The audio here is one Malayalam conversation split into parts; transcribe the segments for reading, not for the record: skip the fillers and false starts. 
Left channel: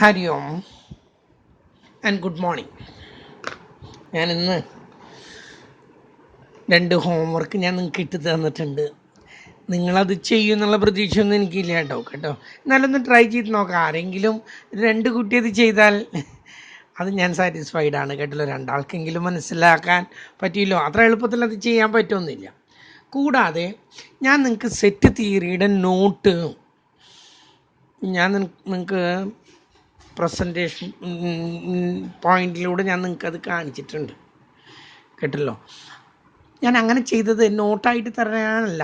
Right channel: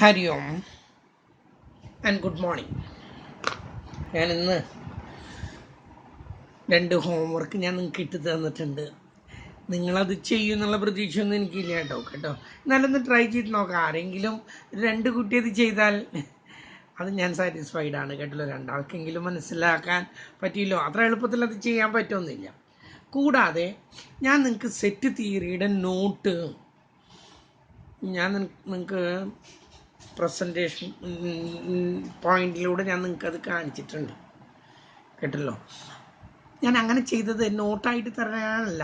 Hari ohm and good morning. ഞാനിന്ന് 2 ഹോംവർക്ക് ഞാൻ നിങ്ങൾക്ക് ഇട്ട് തന്നിട്ടുണ്ട്. നിങ്ങളത് ചെയ്യുമെന്നുള്ള പ്രതീക്ഷയൊന്നും എനിക്കില്ല കേട്ടോ. എന്നാലൊന്ന് ട്രൈ ചെയ്ത് നോക്കാം. ആരെങ്കിലും 2 കുട്ടി അത് ചെയ്താൽ അത് ഞാൻ സാറ്റിസ്ഫൈഡ് ആണ് കേട്ടല്ലോ. 2 ആൾക്കെങ്കിലും മനസ്സിലാക്കാൻ പറ്റിയല്ലോ. അത്ര എളുപ്പത്തിൽ അത് ചെയ്യാൻ പറ്റുമെന്നില്ല. കൂടാതെ ഞാൻ നിങ്ങൾക്ക് സെറ്റ് തിയറിയുടെ നോട്ട് ഞാൻ നിങ്ങൾക്ക് പ്രസൻറ്റേഷൻ പോയിന്റിലൂടെ ഞാൻ നിങ്ങൾക്കത് കാണിച്ചിട്ടുണ്ട് കേട്ടല്ലോ. ഞാൻ അങ്ങനെ ചെയ്തത് നോട്ടായിട്ട് തരാനല്ല,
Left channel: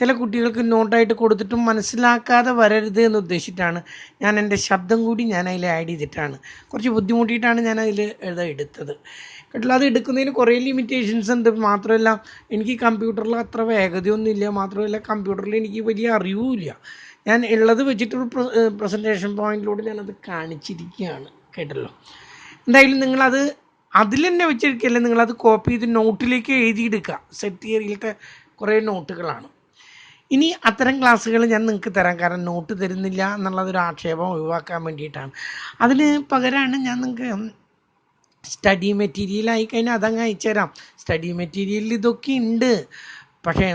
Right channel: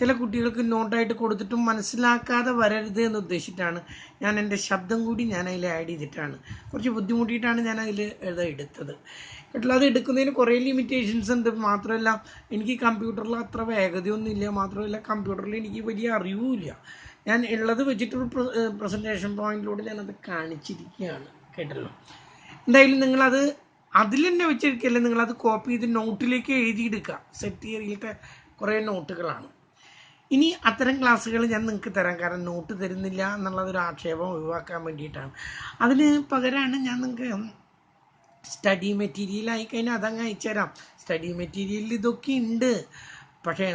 ചില കുട്ടികൾക്ക് നോട്ടായിട്ട് കൊടുത്തിട്ടും മനസ്സിലാക്കാതെ വരരുത് എന്ന് ഉദ്ദേശിച്ചിട്ടാണ്. ഞാൻ എൻ്റെ ശബ്ദം കൂടി ഞാൻ അതിൽ ആഡ് ചെയ്തിട്ടാണ്. കുറച്ച് ബുദ്ധിമുട്ടിയിട്ടാണ് ഞാൻ അതിൽ എടുത്തത് കേട്ടല്ലോ. അത് എടുക്കുന്നതിന് കുറേ ലിമിറ്റേഷൻസ് ഉണ്ട്. മാത്രമല്ല എനിക്ക് കമ്പ്യൂട്ടറിൽ അത്ര വേഗതയൊന്നുമില്ല. മാത്രമല്ല കമ്പ്യൂട്ടറിൽ എനിക്ക് വലിയ അറിവുമില്ല. ഞാൻ ഉള്ളത് വെച്ചിട്ടൊരു പ്രസൻറ്റേഷൻ പോയിന്റിലൂടെ ഞാനത് കാണിച്ചിരിക്കുകയാണ് കേട്ടല്ലോ. എന്തായാലും നിങ്ങളത് അതിൽ തന്നെ വെച്ചിരിക്കല്ലേ, നിങ്ങളത് കോപ്പി ചെയ്ത് നോട്ടിലേക്ക് എഴുതിയെടുക്കുക. സെറ്റ് തിയറിയിലത്തെ കുറേ നോട്ടുകളാണ്. ഇനി അത്തരം ക്ലാസ്സുകൾ ഞാൻ നിങ്ങൾക്ക് തരാം, കാരണം നോട്ട് തരുന്നില്ല എന്നുള്ളതൊരു ആക്ഷേപം ഒഴിവാക്കാൻ വേണ്ടിയിട്ടാണ്. അതിന് പകരമാണ് ഞാൻ നിങ്ങൾക്ക് സ്റ്റഡി മെറ്റീരിയൽ ആയിക്കഴിഞ്ഞാൽ അതങ്ങ് അയച്ചു തരാം. സ്റ്റഡി മെറ്റീരിയലിൽ ഇതൊക്കെ ഉണ്ട്. പക്ഷേ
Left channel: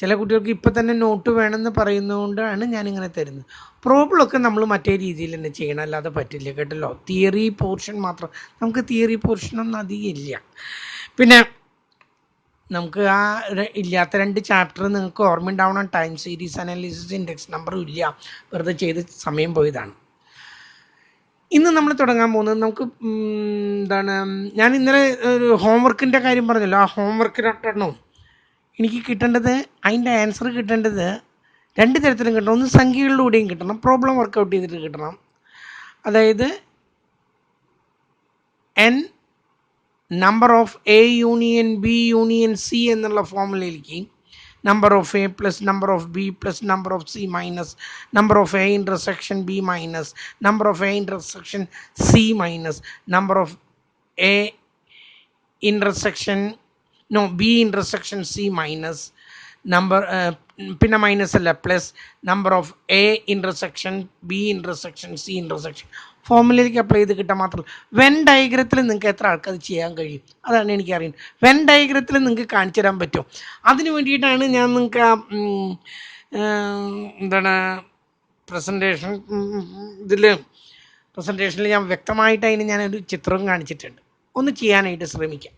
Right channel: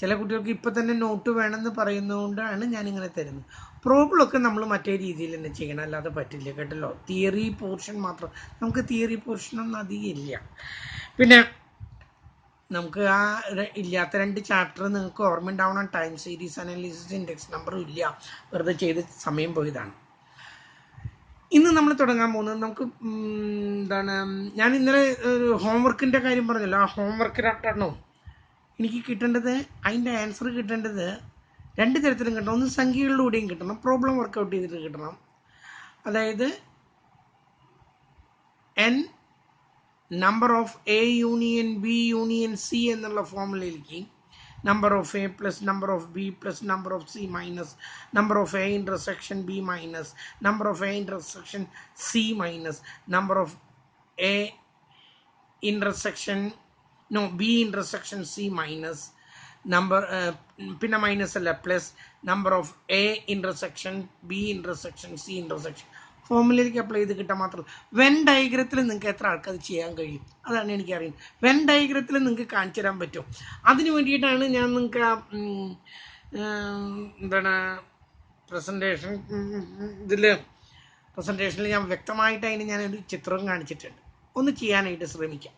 ചില കുട്ടികൾക്ക് ഇപ്പം തന്നെ നോട്ട് വേണമെന്ന് പറയുന്നതുകൊണ്ടാണ് ഞാനിങ്ങനെ തരുന്നത്. പ്രോബ്ലമൊക്കെ നമ്മൾ മറ്റേ രീതിയിൽ തന്നെ ചെയ്യണം, അല്ലാതെ പറ്റില്ല കേട്ടല്ലോ. തിയറി പോർഷൻ മാത്രം, നമുക്ക് തിയറി പോർഷനൊന്നും അധികം ഇല്ല. പിന്നെ നമുക്ക് ആ ഇല്ലാത്ത 2 ചാപ്റ്റർ നിങ്ങൾക്ക് ഓർമ്മ ഉണ്ടാവണം. ടൈം സീരീസ് അനാലിസിസ്, ഇൻഡെക്സ് നമ്പറും ഇല്ല, വെറുതെ ചെയ്ത് സമയം പോയതാണ്. ഇന്ന് നമ്മൾ തുടങ്ങാൻ പോകുന്നത് നമുക്ക് എന്താണ്, ഞാൻ ഇന്നലെ ഒരു ഹോംവർക്കിൻ്റെ കാര്യം പറഞ്ഞല്ലോ. ആ ഹോംവർക്ക് 2 എനിക്ക് കിട്ടേണ്ടത്, അതിൻ്റെ ആൻസർ കിട്ടേണ്ടത് 2 തരത്തിലും കിട്ടണം. ഒന്ന് സംഖ്യകളിലൂടെയും കിട്ടണം, പ്രോബ്ലം വർക്കൗട്ട് ചെയ്തിട്ട് കിട്ടണം. അതായത് n number of A union B union C എന്നുള്ള ഫോമുലയിലേക്ക് number of A plus number of B plus number of C minus number of A intersection B minus number of A intersection C minus number of A intersection B intersection C minus number, പിന്നെ മൈനസ് അല്ല, plus number of A intersection B intersection C intersection ഫോമുലയിലേക്ക് അപ്ലൈ ചെയ്ത് കിട്ടാൻ മാത്രം. വെൻ ഡയഗ്രത്തിൽ നിങ്ങൾക്ക് എത്ര ആൾക്കത് ചെയ്യാൻ കഴിയും, അതാണ് എനിക്കറിയുന്നത്. വെൻ ഡയഗ്രത്തിൽ നിങ്ങൾക്ക് കാണിച്ചു തരാൻ പറ്റും. അതിന് വേണ്ടിയിട്ടാണ് ഞാൻ നിങ്ങൾക്ക് എന്താണ് പ്രസൻറ്റേഷൻ പ്രസൻറ്റേഷനിൽ ഞാൻ വ്യക്തമായിട്ട് അതിന് ഞാനൊരു ചിത്രം കാണിച്ചിട്ടുണ്ട്. ഒന്ന് ചെയ്യാനായിട്ട് ശ്രമിക്കാം.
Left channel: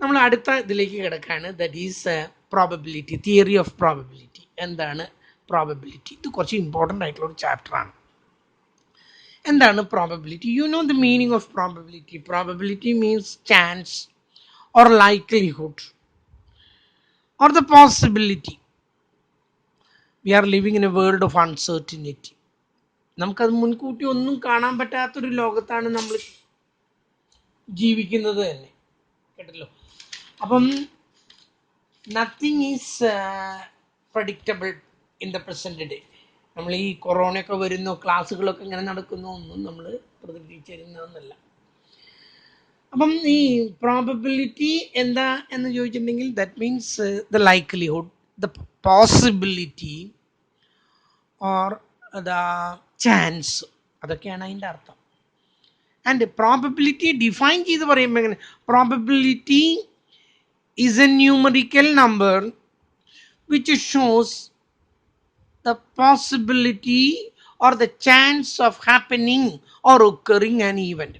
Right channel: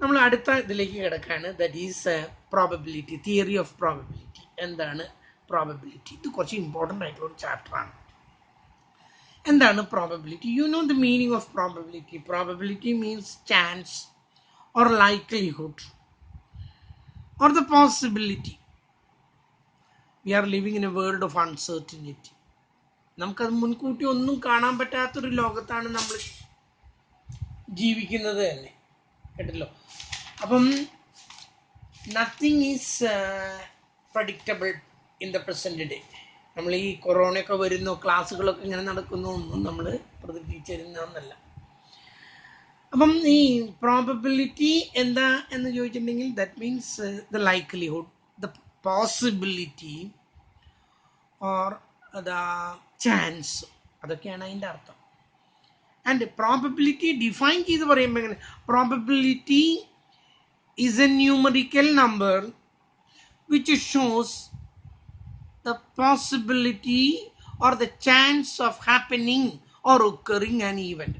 നമ്മൾ അടുത്ത ഇതിലേക്ക് കിടക്കുകയാണ്. That is probability, theory of probability. എന്താണ് പ്രോബബിലിറ്റി? ഇത് കുറച്ച് ഇമ്പോർട്ടൻ്റ് ആയിട്ടുള്ള ഒരു ചാപ്റ്ററാണ്. എന്താണ് probability? You know the meaning of probability. Probability means chance or likelihood or the possibility. We are living in a world of uncertainty. നമുക്കത് മുൻകൂട്ടി ഒന്നും കാണാൻ പറ്റാത്തൊരു ലോകത്താണ് നമ്മൾ ജീവിക്കുന്നത് തന്നെ കേട്ടല്ലോ. അപ്പം nothing is predictable in the present day. നമ്മൾ ഈ കൊറോണയൊക്കെ വരുന്നു, ക്ലാസ്സുകളൊക്കെ ഇങ്ങനെ നടക്കുന്നു, ഒന്നും നമ്മൾ പ്രതീക്ഷിച്ചിരുന്നൊന്നല്ല. അപ്പം ഈ പ്രോബബിലിറ്റി എന്താ എന്ന് ചോദിച്ചിട്ടുണ്ടെങ്കിൽ that means the likelihood, the possibility or the chance, അതൊക്കെയാണ് അതിൻ്റെ അർത്ഥം. ആൻഡ് പ്രോബബിലിറ്റി ഡിഫൈൻ ചെയ്ത് പറയുമ്പോൾ എങ്ങനെ? Probability is a numerical number which shows the possibility or the chance of happening or occurring an event.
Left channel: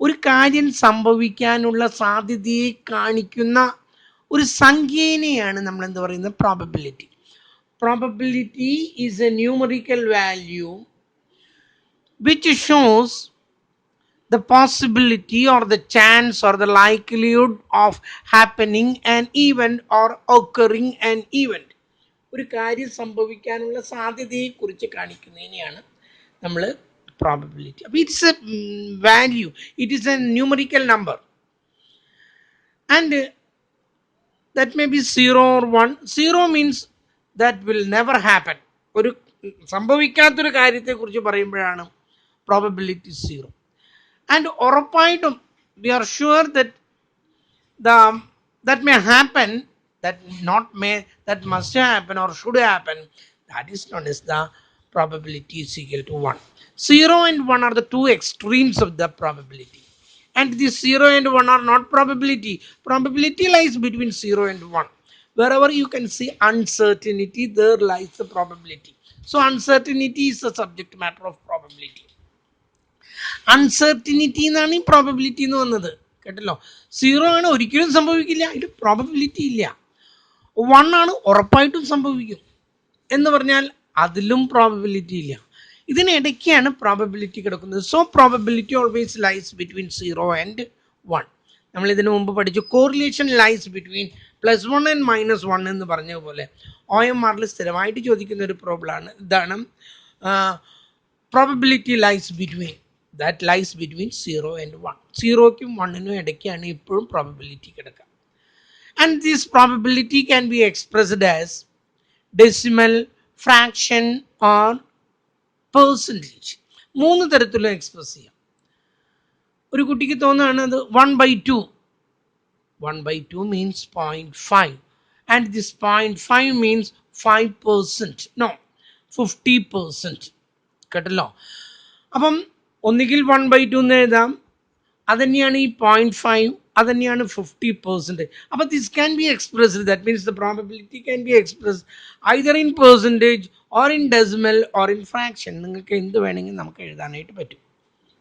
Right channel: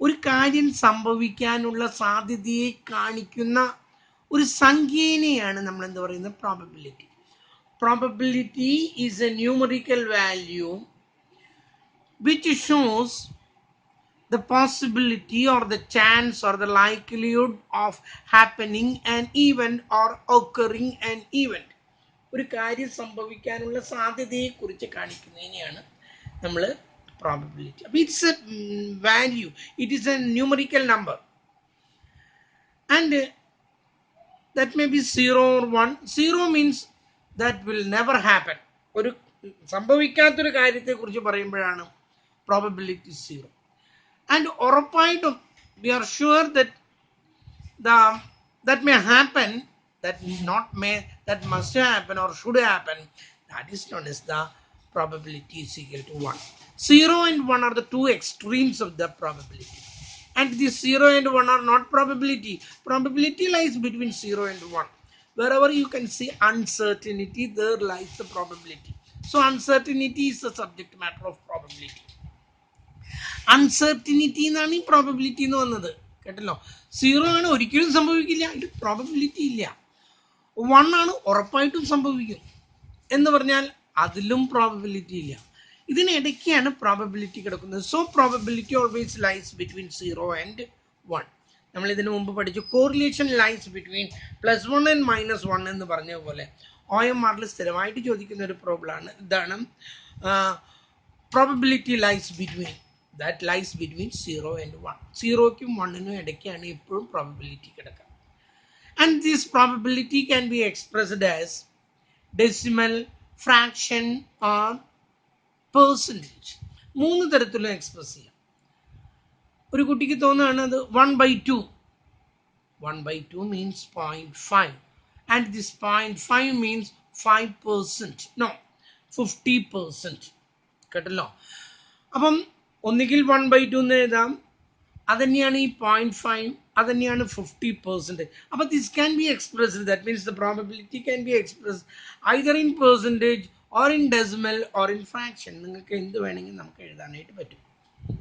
ഒരു കാര്യം സംഭവിക്കാനുള്ള സാധ്യതയെ കാണിക്കുന്ന ഒരു സംഖ്യേനെയാണ് നമ്മൾ എന്ത് പറയുന്നത്? Probability. Probability is a numerical value which shows the possibility or the chance or the likelihood of happening an event or occurring an event. ഒരു കാര്യം സംഭവിക്കാനുള്ള സാധ്യതയെക്കുറിച്ച് കാണിക്കുന്നതിനെയാണ് നമ്മൾ പ്രോബബിലിറ്റി. അപ്പോൾ it's A value, it is A numerical number and that may be 0 or 1. 0 means that will never happen. ഒരു സംഭവിക്കാത്തൊരു കാര്യത്തെക്കുറിച്ച് പറയുമ്പോഴാണ് പ്രോബബിലിറ്റി 0. And ഉറപ്പായിട്ടും we are sure that that may happen, that must happen or should happen, that is known as the probability is equal to 1. 0 and 1 are the two extremes of the probability. And these 0 and 1 are not probability. Probability lies between 0 and 1. Wherever you can see uncertainty, there lies the probability. So uncertainty is the subject matter of probability. Uncertainty എന്നാണ് ഈ പ്രോബബിലിറ്റി എന്ന് വന്നത്, കേട്ടല്ലോ. 0 ആണ്, ഒരിക്കലും സംഭവിക്കില്ല, ഇത് പ്രോബബിലിറ്റി ഇല്ല. 1 ആണ്, ഉറപ്പായിട്ടും സംഭവിക്കും എന്ന് പറഞ്ഞാൽ അതിലും പ്രോബബിലിറ്റി ഇല്ല. ഇതിനിടയ്ക്കാണ് പ്രോബബിലിറ്റി കിടക്കുന്നത്. So probability always lies between 0 and 1. നമ്മൾ ഇതിനു മുമ്പ് പഠിച്ചു കോറിലേഷൻ ലൈസ് ബിറ്റ്വീൻ +1 ആൻഡ് -1 എന്ന് പറഞ്ഞതുപോലെ OMRൽ സ്ഥിരമായിട്ട് ചോദിക്കുന്ന ഒരു പ്രോബ്ലമാണ് ഇതാണ്. Probability lies between, that lies between 0 and 1. 0ക്കും 1നും ഇടയ്ക്കാണ് ഇപ്പോഴും പ്രോബബിലിറ്റി കിടക്കുക. And this probability can be expressed as decimal, fraction or percentage. 3 തരത്തിലും എക്സ്പ്രസ് ചെയ്യാം. ഒരു കുട്ടിക്ക് തോന്നുകയാണ് അത് 1/2. 1/2 means 0.5 and this 0.5 means 5%, no 50%, കേട്ടല്ലോ. അപ്പം ഒന്നുകിൽ 1/2 എന്ന് എഴുതാം, അതന്നെയാണ് ഈ 0.5, അതന്നെയാണ് 50%. അപ്പോൾ this can be expressed, that means the probability can be expressed either in percentage or in decimal or in fraction. നിങ്ങൾക്ക് എന്ത് വേണമെങ്കിൽ നമുക്ക് എഴുതാനായിട്ട് പറ്റും.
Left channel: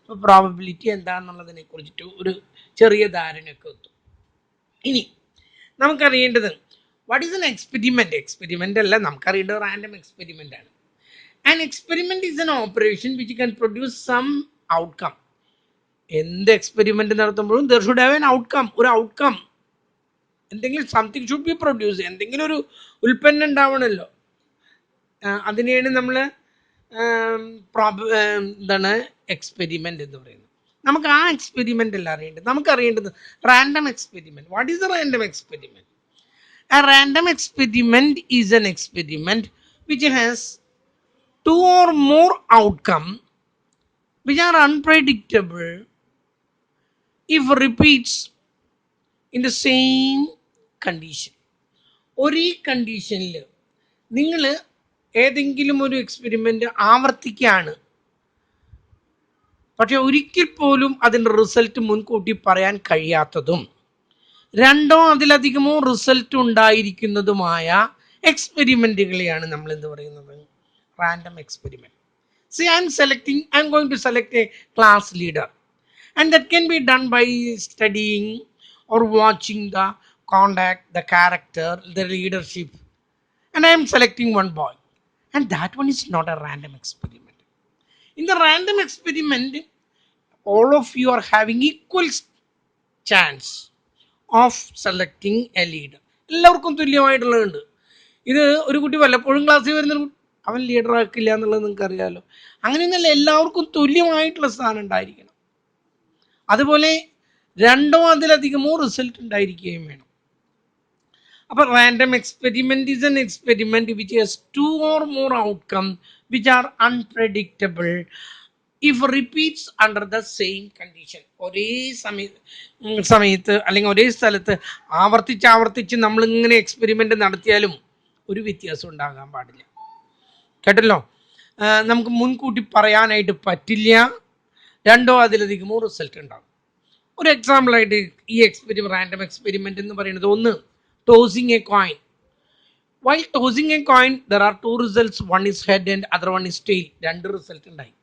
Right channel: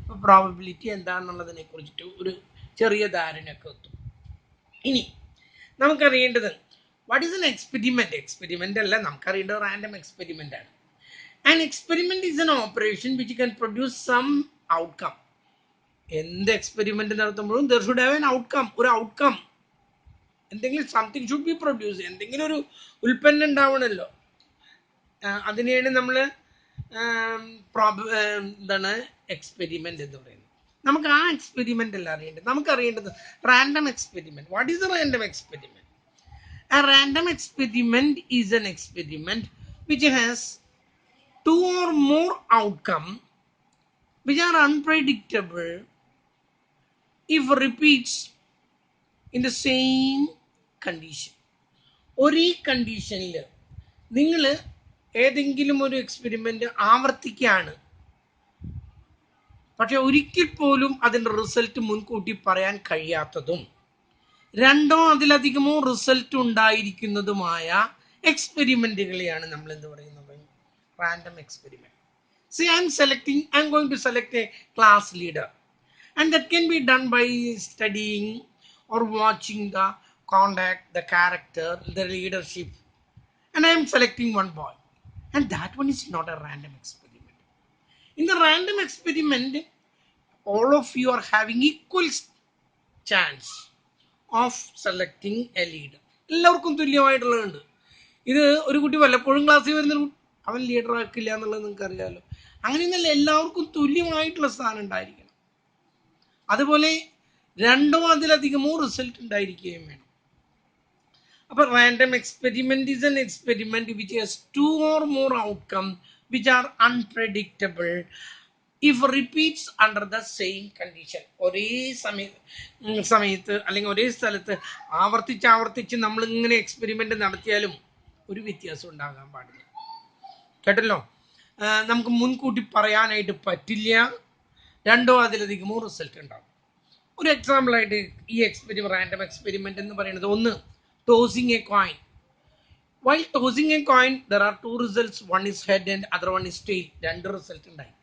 അപ്പോൾ പ്രോബബിലിറ്റി എന്താണെന്നുള്ളതിനെ കുറിച്ചിട്ട് ഒരു ചെറിയ ധാരണയൊക്കെ എത്തും. ഇനി നമുക്കറിയേണ്ടത് what is an experiment. Experiment അല്ല, നമുക്കറിയേണ്ടത് റാൻഡം എക്സ്പെരിമെൻ്റ് ആണ്. An experiment is an operation which can produce some outcome. എന്ത് എക്സ്പെരിമെൻറ്റ് നടത്തുമ്പോഴും there should have an outcome. ഒരു ഔട്ട്കം, എന്തെങ്കിലും സംതിങ് ഷുഡ് ബി പ്രൊഡ്യൂസ്, എന്തെങ്കിലും ഒരു ഉൽപ്പന്നം ഉണ്ടാവണമല്ലോ. അതിനെയാണ് നമ്മൾ എന്താണ് എക്സ്പെരിമെൻ്റ് എന്ന് പറയുന്നത്. നമുക്ക് ആ എക്സ്പെരിമെൻ്റ് അല്ല അറിയേണ്ടത്, നമുക്കറിയേണ്ടത് random experiment. What is a random experiment? A random experiment is an experiment which has 2 or more outcomes which are unpredictable if repeats in the same condition. ഒരേ കണ്ടീഷനിൽ നിങ്ങൾ ഏതെങ്കിലും ഒരു എക്സ്പെരിമെൻ്റ് ആവർത്തിക്കുകയാണ്, പക്ഷെ ഒരിക്കൽ പോലും അതിൻ്റെ റിസൾട്ട് മുൻകൂട്ടി പറയാൻ കഴിയാത്തതും 2 അതിലധികമോ റിസൾട്ട് ഉണ്ടായിരിക്കുന്നതുമായ എക്സ്പെരിമെൻറ്റുകളെയാണ് നമ്മൾ എന്ത് പറയുന്നത്, random experiment. See, I'm going to select a class leader, and that can be done by studying or watching the conduct, the character, the leadership, and I am selecting one boy, and that one is not a random experiment. In the random experiment, all of you are having equal chance of selecting a leader. എല്ലാവർക്കും തുല്യമായിട്ടുള്ളതുണ്ട്. ഇത് ഒരു കുട്ടി വല്ലപ്പോഴും ക്ലാസ്സിൽ വരുന്ന അവൻ ലീഡർ ആക്കില്ല എന്നുള്ളത് നിങ്ങൾക്ക് അറിയാമല്ലോ. അങ്ങനെയൊന്നല്ല, എല്ലാവർക്കും തുല്യമായിട്ടുള്ള സ്ഥാനം ഉണ്ടായിരിക്കണം. അതുപോലെ 2 അതിലധികമോ റിസൾട്ട് ഉണ്ടായിരിക്കുകയും വേണം. അപ്പോൾ random experiment is an experiment which has 2 or more outcomes which are unpredictable if repeats under the same condition. ഒരേ സമയത്ത് അല്ലെങ്കിൽ ഒരേ സ്ഥലത്ത് ആവർത്തിച്ച് നമ്മളിങ്ങനെ എക്സ്പെരിമെൻ്റ് നടത്തിയാലും ഒരു വ്യത്യാസം ഉണ്ടാകാൻ പാടില്ല, കേട്ടല്ലോ. നമുക്ക് മുൻകൂട്ടി പറയാനായിട്ട് പറ്റില്ല, 2 അതിലധികമോ റിസൾട്ട് ഉണ്ടാകും. ഒരു എക്സാമ്പിളായിട്ട് ഈ റാൻഡം എക്സ്പെരിമെൻ്റ് എന്ന് പറയുന്നത്, ഒന്ന് tossing a coin. While tossing a coin there are 2 results, one is head and other one is tail. 2 result ഉണ്ടായി.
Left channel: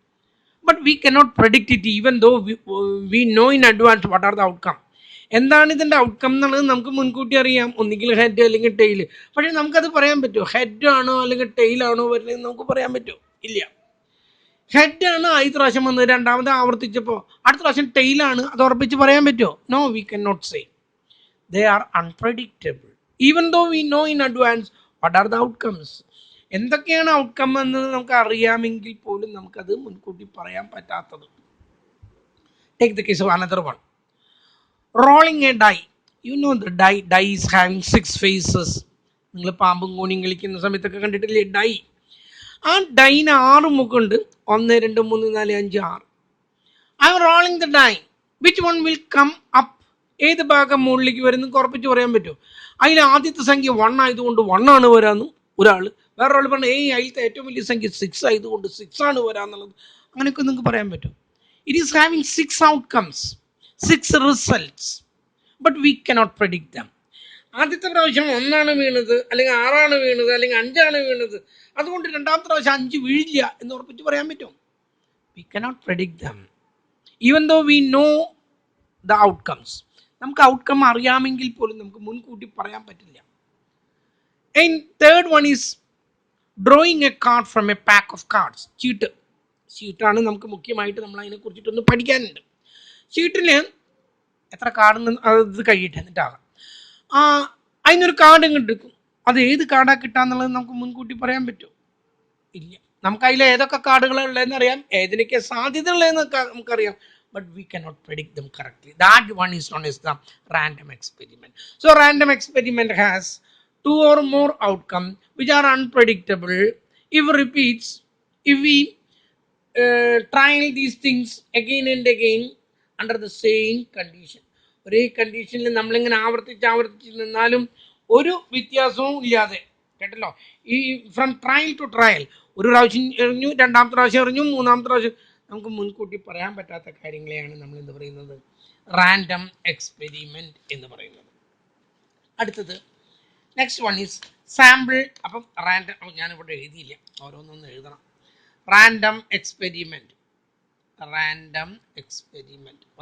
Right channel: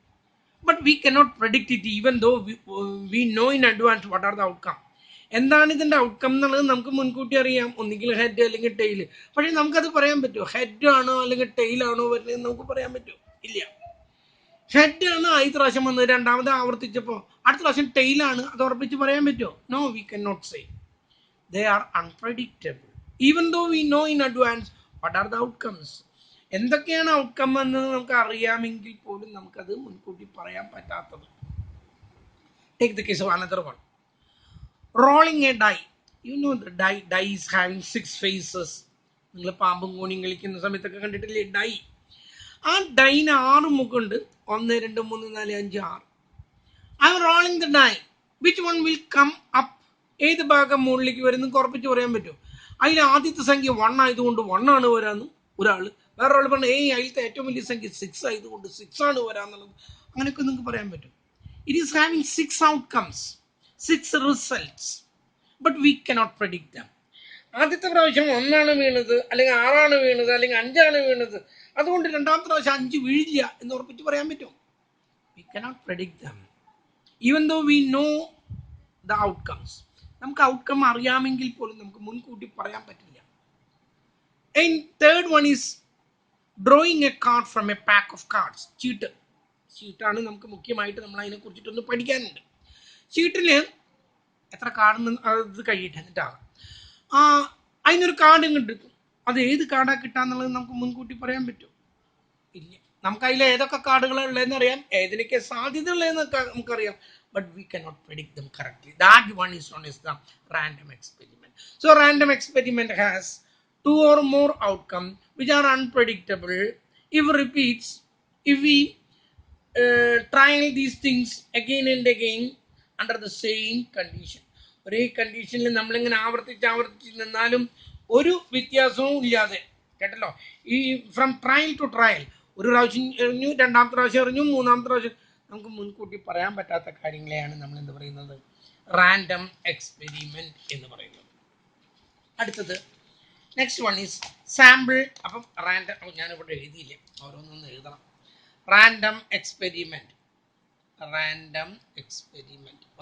But we cannot predict it even though we know in advance what are the outcome. എന്താണ് ഇതിൻ്റെ ഔട്ട്കം എന്നുള്ളത് നമുക്ക് മുൻകൂട്ടി അറിയാം, ഒന്നുകിൽ ഹെഡ് അല്ലെങ്കിൽ ടെയിൽ. പക്ഷേ നമുക്കത് പറയാൻ പറ്റുമോ? ഹെഡ് ആണോ അല്ലെങ്കിൽ ടെയിലാണോ വരുന്നത് നമുക്ക് പറയാൻ പറ്റുമോ? ഇല്ല. ഹെഡാണ് ആദ്യ പ്രാവശ്യം വന്നത്, 2ാമത് ആവർത്തിച്ചപ്പോൾ അടുത്ത പ്രാവശ്യം ടെയിലാണ്, അത് ഉറപ്പിച്ച് പറയാൻ പറ്റുമോ? No, we can not say. They are unpredictable even though we know in advance what are the outcomes. എന്തൊക്കെയാണ് ഔട്ട്കം എന്ന് നമുക്ക് അറിയാമെങ്കിൽ പോലും നമുക്കത് മുൻകൂട്ടി പറയാൻ പറ്റാത്തത്. Take the case of another one, rolling a die. You know the die is having 6 faces. നിങ്ങൾ പാമ്പും കോണിയും കളിക്കുന്ന സമയത്തൊക്കെ കണ്ടിട്ടില്ലേ ഡൈ? ആ ഡൈന് 6 മുഖമുണ്ട്. 1 2 3 4 5 6. I am rolling the die, which one will come up? ഏത് ഭാഗം മുകളിലേക്ക് വരുന്നത് ഉറപ്പിച്ച് പറയാൻ പറ്റുമോ? അതിൽ ആദ്യത്തെ സംഖ്യ 1 ആയതുകൊണ്ട് 1 ആണ് വരാമെന്നും ഒരാൾ, വേറൊരാൾ പറഞ്ഞു അതിലത്തെ ഏറ്റവും വലിയ സംഖ്യ 6 ആയതുകൊണ്ട് 6 ആണ് വരാമെന്നുള്ളത്. അങ്ങനെയൊക്കെ നിങ്ങൾക്ക് പറയാൻ പറ്റും. It is having 6 outcomes, 6 results, but we cannot predict dum. ആദ്യത്തെ പ്രാവശ്യം 1 വീണത്, അല്ലെങ്കിൽ 6 വീണത്, അല്ലെങ്കിൽ 5 വീണത്, അതുകൊണ്ട് രണ്ടാമത്തെ പ്രാവശ്യം 5 വീഴില്ല എന്ന് ഉറപ്പിച്ച് പറയാൻ പറ്റും? We cannot predict them even though we know the outcomes. നമുക്ക് ഔട്ട്കം അറിയാമെങ്കിൽ പോലും നമുക്ക് മുൻകൂട്ടി പറയാൻ പറ്റില്ല. And third one is drawing a card from a pack of cards. ചീട്ടാണ് നമുക്ക് മുഖ്യമായിട്ട് നമ്മൾ അതിനെ കുറിച്ചിട്ടൊന്ന് പഠിക്കാനുണ്ട്. ചീട്ടിൽ എത്ര കാർഡ് അത് കഴിയട്ടെ എന്നിട്ടാകാം. അതിനൊരു കാർഡ് ഇങ്ങോട്ട് എടുക്കും. അത് ഏത് കാർഡാണ് കിട്ടാന്നുള്ളത് നമുക്ക് മുൻകൂട്ടി പറയാൻ പറ്റുമോ? ഇല്ല. നമുക്ക് അതിൽ ഏതൊക്കെ കാർഡുകളാണ് ഉള്ളതെന്ന് അറിയാം, ഏതിനൊക്കെ സാധ്യത ഉള്ളതെന്നൊക്കെ നമുക്കറിയാം, but we cannot predict them correctly. That one is known as the random experiment. So random experiment has 2 or more outcomes which are unpredictable. If we trial these things again and again under the same condition. ഒരേ കണ്ടീഷനിൽ നമ്മളിങ്ങനെ ആവർത്തിച്ച് നിന്നാലും ഒരു വ്യത്യാസവും ഇല്ലാതെ, കേട്ടല്ലോ, ഈ ഫ്രം ട്രയൽ ടു ട്രയൽ, ഒരു പ്രാവശ്യം എറിഞ്ഞു, രണ്ടാമത്തെ പ്രാവശ്യം എറിഞ്ഞു, മൂന്നാമത്തെ പ്രാവശ്യം, നമുക്ക് മുൻകൂട്ടി പറയാൻ പറ്റാത്ത കാര്യങ്ങളെയാണ് നമ്മൾ എന്ത് പറയുന്നത്? റാൻഡം എക്സ്പെരിമെന്റ് എന്ന് പറയുന്നത്. അടുത്തത് നെക്സ്റ്റ് വൺ ഈസ് സാമ്പിൾ. അപ്പം റാൻഡം ഞാനിവിടെ എഴുതിയില്ല, ഓരോന്നൊന്ന് എഴുതണം. റാൻഡം എക്സ്പെരിമെന്റ്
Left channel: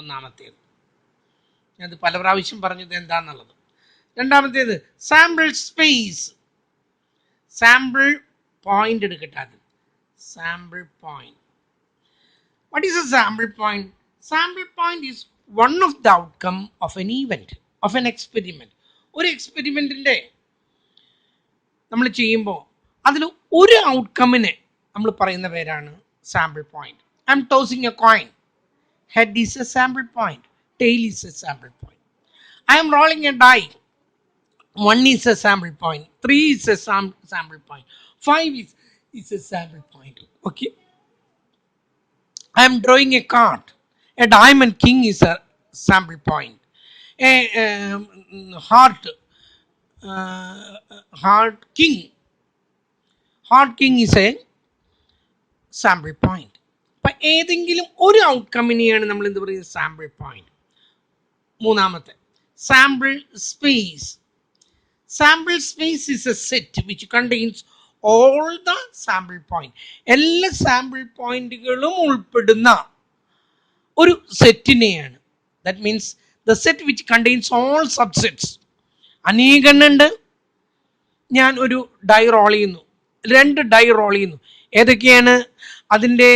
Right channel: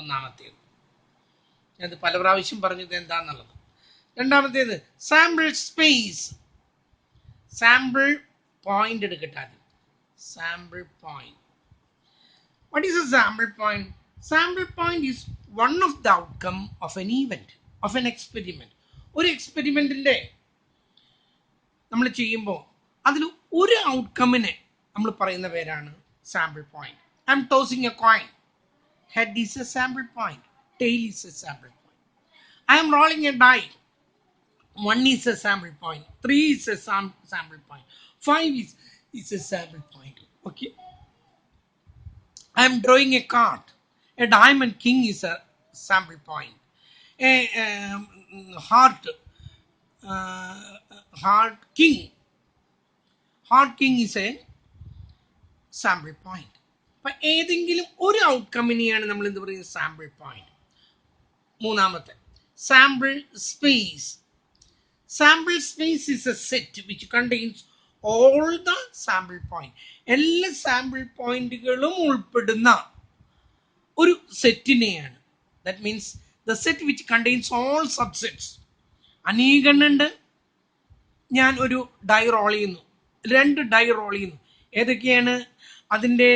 ഒന്നാമത്തേത്. ഞാനത് പല പ്രാവശ്യം പറഞ്ഞത് എന്താണെന്നുള്ളത്. രണ്ടാമത്തേത് സാമ്പിൾ സ്പേസ്. സാമ്പിൾ പോയിന്റ് എടുക്കട്ടെ ആദ്യം. Sample point. What is A sample point? Sample point is one of the outcome of an event, of an experiment. ഒരു എക്സ്പെരിമെന്റിന്റെ നമ്മൾ ചെയ്യുമ്പോൾ അതിൽ ഒരു ഔട്ട്കമ്മിനെ നമ്മൾ പറയുന്ന പേരാണ് sample point. I M tossing a coin. Head is A sample point, tail is a sample point. I am rolling a die. 1 is a sample point, 3 is a sample point, 5 is a sample point. Okay. I am drawing a card. A diamond king is a sample point. A heart king is a sample point. അപ്പം ഏതെങ്കിലും ഒരു ഔട്ട്കമ്മിനെയാണ് നമ്മൾ എന്ത് പറയുന്നത്? Sample point. മൂന്നാമത്തെ sample space. Sample space is a set which contains all the sample point. എല്ലാ സാമ്പിൾ പോയിന്റുകളും ഉൾപ്പെടുന്ന ഒരു സെറ്റിനെയാണ്. That means the set which contains all subsets. അനേകണ്ണുണ്ട്. ഞാൻ ഒരു ഡൈ റോൾ ചെയ്യുന്നു, 2 ഡൈ റോൾ ചെയ്യുന്നു. ഏതൊക്കെയാണ് അതിൻ്റെ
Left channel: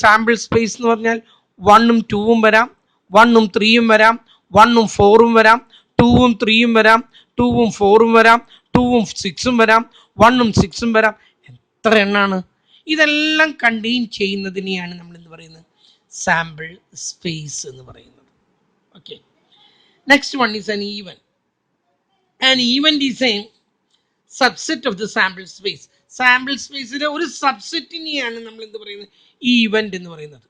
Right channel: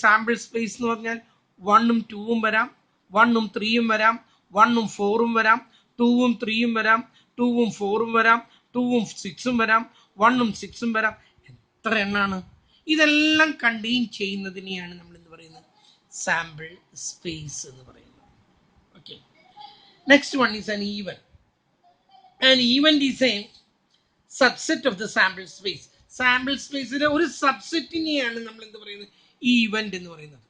സാമ്പിൾ സ്പേസ് എന്ന് പറഞ്ഞാൽ? 1ഉം 2ഉം വരാം, 1ഉം 3ഉം വരാം, 1ഉം 4ഉം വരാം, 2ഉം 3ഉം വരാം, 2ഉം 4ഉം വരാം, 2ഉം 6ഉം വരാം, 1ഉം 6ഉം വരാം. എത്ര എണ്ണാണ്? ഇതെല്ലാം കണ്ടെയ്ൻ ചെയ്യുന്നതിനെയാണ് നമ്മൾ എന്ത് പറയുന്നത്? സാമ്പിൾ സ്പേസ് എന്ന് പറയുന്നത്. Okay. Next one is an event. An event is a subset of the sample space. Sample സ്പേസിലെ ഒരു സബ്സെറ്റിനെയാണ് നമ്മൾ എന്ത് പറയുന്നത്? ഈവന്റ് എന്ന് പറയുന്നത്.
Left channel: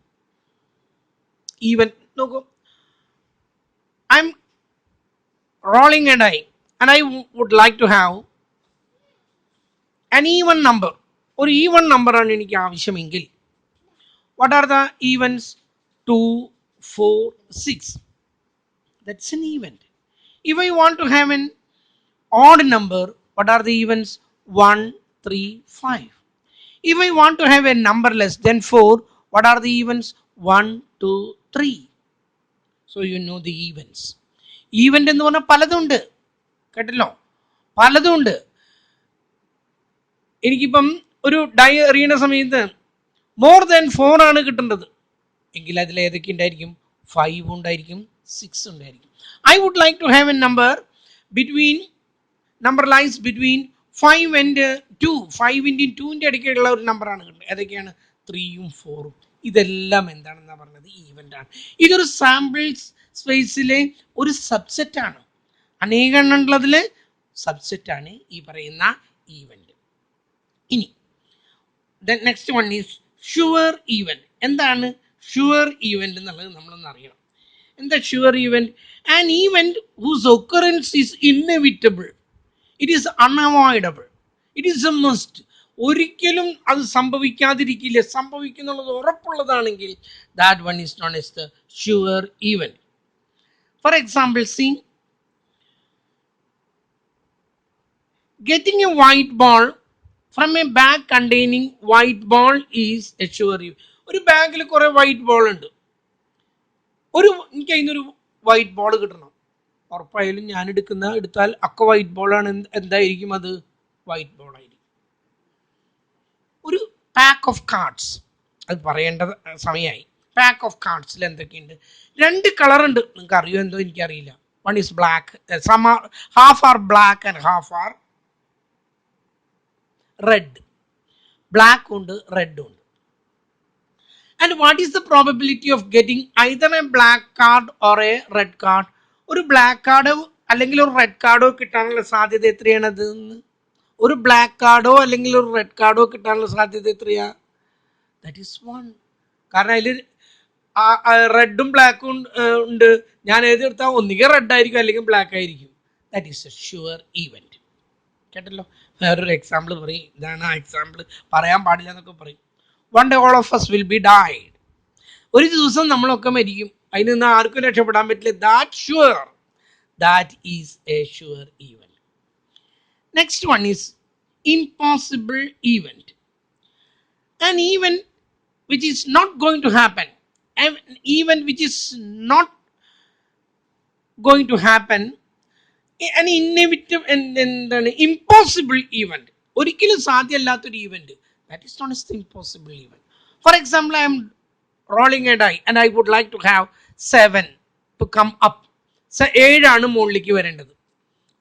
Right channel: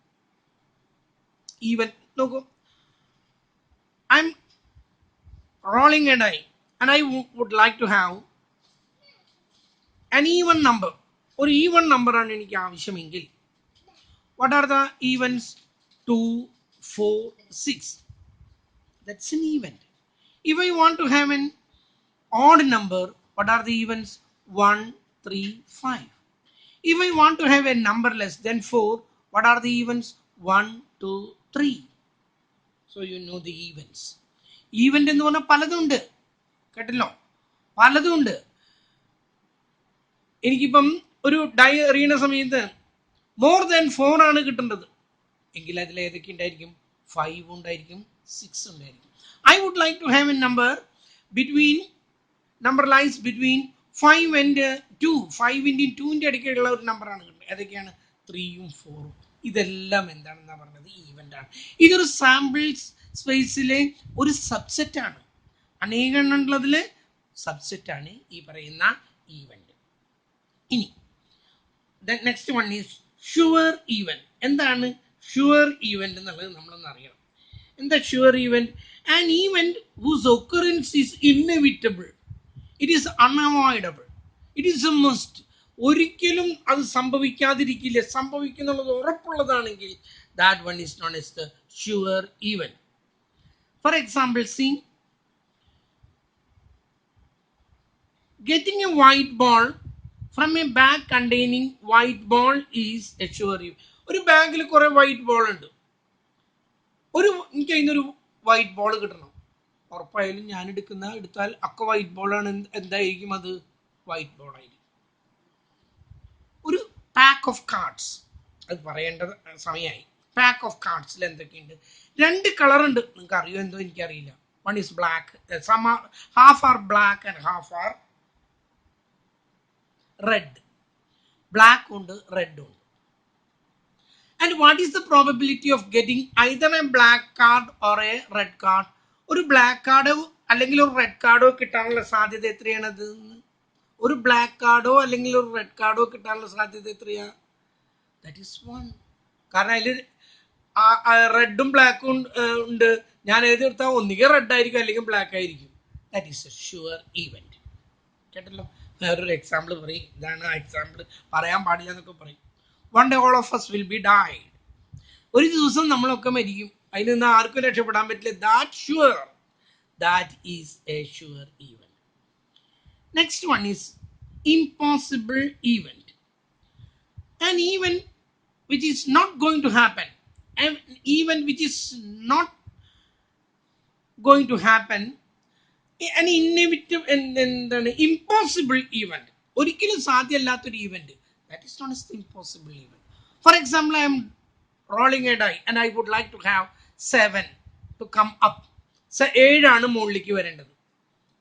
ഈവന്റ് നോക്കൂ. I am rolling a die and I would like to have an even number. ഒരു ഈവൻ നമ്പറാണ് എനിക്ക് ആവശ്യമെങ്കിൽ, what are the events? 2, 4, 6. That's an event. If I want to have an odd number, what are the events? 1, 3, 5. If I want to have a number less than 4, what are the events? 1, 2, 3. So you know the events. Event എന്ന് പറഞ്ഞാൽ പലതുണ്ട്, കേട്ടല്ലോ, പലതുണ്ട്. എനിക്കിപ്പം ഒരു ഡൈ എറിയുന്ന സമയത്ത് മോർ ദാൻ 4 ആണ് കിട്ടേണ്ടത് എങ്കിൽ അതിൽ ഏതൊക്കെ ഉണ്ടായിരിക്കും? 5 ഉണ്ടായിരിക്കും, 6 ഉണ്ടായിരിക്കും. I would like to have a number lies between 5 and 2. 5 × 2 ഇടയ്ക്കുള്ള ഒരു നമ്പറാണ് കിട്ടുന്നത്. ഏതൊക്കെയാണ്? 3ഉം 4ഉം. ഇതെല്ലാം എന്താണെന്നാണ് പറഞ്ഞത്? ഈവൻ്റ് ആണ്. ഇതൊരു സാമ്പിൾ സ്പേസിലെ ഒരു സബ്സെറ്റാണ്. അനേകണ്ണുള്ളതിൽ സബ്സെറ്റാണ് ഈ പറയുന്ന ഈവൻ്റ്. ഇനി next one is sure event. എന്താണ് ഷുവർ ഈവൻറ്റ് എന്നുള്ളത് നമ്മളൊന്ന് അറിയണം. എന്താ sure event? An event whose occurrence is inevitable, it is unavoidable, it is a must. ഒരിക്കലും അത് സംഭവിക്കാതിരിക്കില്ല, സംഭവിക്കുന്നുള്ളത് ഉറപ്പുള്ളതാണെങ്കിൽ that one is known as the sure event. For example, see getting a white ball from a bag containing white ball is a sure event. ഒരു ബാഗിൽ കുറെ വൈറ്റ് ബോൾ ഉണ്ട്, എനിക്ക് അതിനൊരു വൈറ്റ് ബോൾ കിട്ടണം, ഉറപ്പായാലും ഞാൻ എടുത്താൽ ഒക്കെ വൈറ്റ് ബോളാണ്. എന്തായിരിക്കും അത്? വൈറ്റ് ബോൾ ആയിരിക്കും. ഒരു പാക്ക് ഓഫ് കാർഡ്സ്, അത് പറയേണ്ട സമയമായി. പാക്ക് ഓഫ് കാർഡ്സിൽ എന്തൊക്കെയുണ്ട്? 2 കളർ ഉണ്ട്, നിങ്ങൾക്ക് അറിയോ എന്തോ എനിക്കറിയില്ല. One is black, half are black and half are red. Black ഉണ്ട്, റെഡ് ഉണ്ട്. And what is the probability of getting either a black card or a red card? ഒരു ബ്ലാക്ക് കാർഡോ അല്ലെങ്കിൽ ഒരു റെഡ് കാർഡോ കിട്ടാനുള്ള സാധ്യത എത്രയാണത്? ഒരു ബ്ലാക്ക് കാർഡോ അല്ലെങ്കിൽ ഒരു റെഡ് കാർഡോ കിട്ടാനുള്ള സാധ്യത എത്രയാ? That is 1. കാരണം അതിൽ റെഡും ബ്ലാക്കും ഉണ്ട്. ഞാൻ ഏതെടുത്താൽ ഒന്നുകിൽ റെഡ് ആയിരിക്കും അല്ലെങ്കിൽ ബ്ലാക്ക് ആയിരിക്കും. That is A sure event. കേട്ടല്ലോ? വേറൊരു എക്സാമ്പിൾ പറയും. ഇതാണ് ആ എക്സാമ്പിൾ, പറയാൻ പാടില്ല എന്നൊക്കെ പറയും. One day all of us will be died. ഒരു ദിവസം നമ്മളൊക്കെ മരിക്കും, അതിൽ നിന്ന് ആർക്കും രക്ഷപ്പെടാൻ പറ്റില്ല. That sure, that is A sure event. Next one is impossible event. An event which is not going to happen, an event which is not going to happen, an inevitable and impossible event, ഒരിക്കലും സാധ്യമല്ലാത്തൊരു event, that is known as the impossible event. For example, I am rolling a die and I would like to have 7 to come up. 7 മുകളിലേക്ക് വരേണ്ടത്.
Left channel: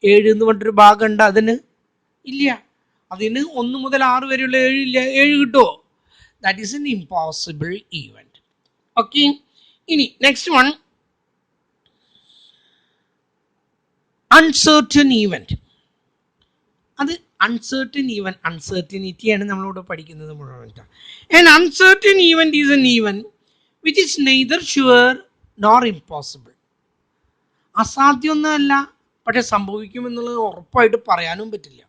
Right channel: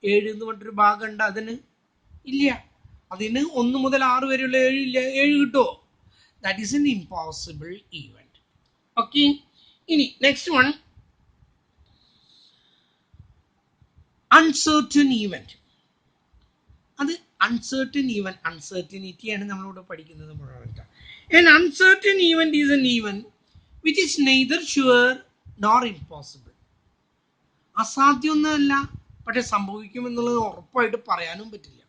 7 എന്ന് പറഞ്ഞൊരു ഭാഗം ഉണ്ട്, അതിന് ഇല്ല. അതിന് 1 മുതൽ 6 വരെയുള്ള 7 ഇല്ല. 7 കിട്ടുമോ? That is an impossible event. Okay. ഇനി നെക്സ്റ്റ് വൺ, അൺസർട്ടൻ ഈവൻറ്റ്. അത് അൺസർട്ടൻ ഈവൻറ്റ്, അൺസർട്ടനിറ്റിയാണ് നമ്മളിവിടെ പഠിക്കുന്നത് മുഴുവൻ. An uncertain event is an event which is neither sure nor impossible. അസാധ്യമൊന്നുമല്ല, പക്ഷെ സംഭവിക്കുമെന്നുള്ളത് ഉറപ്പായിട്ട് പറയാനും പറ്റില്ല.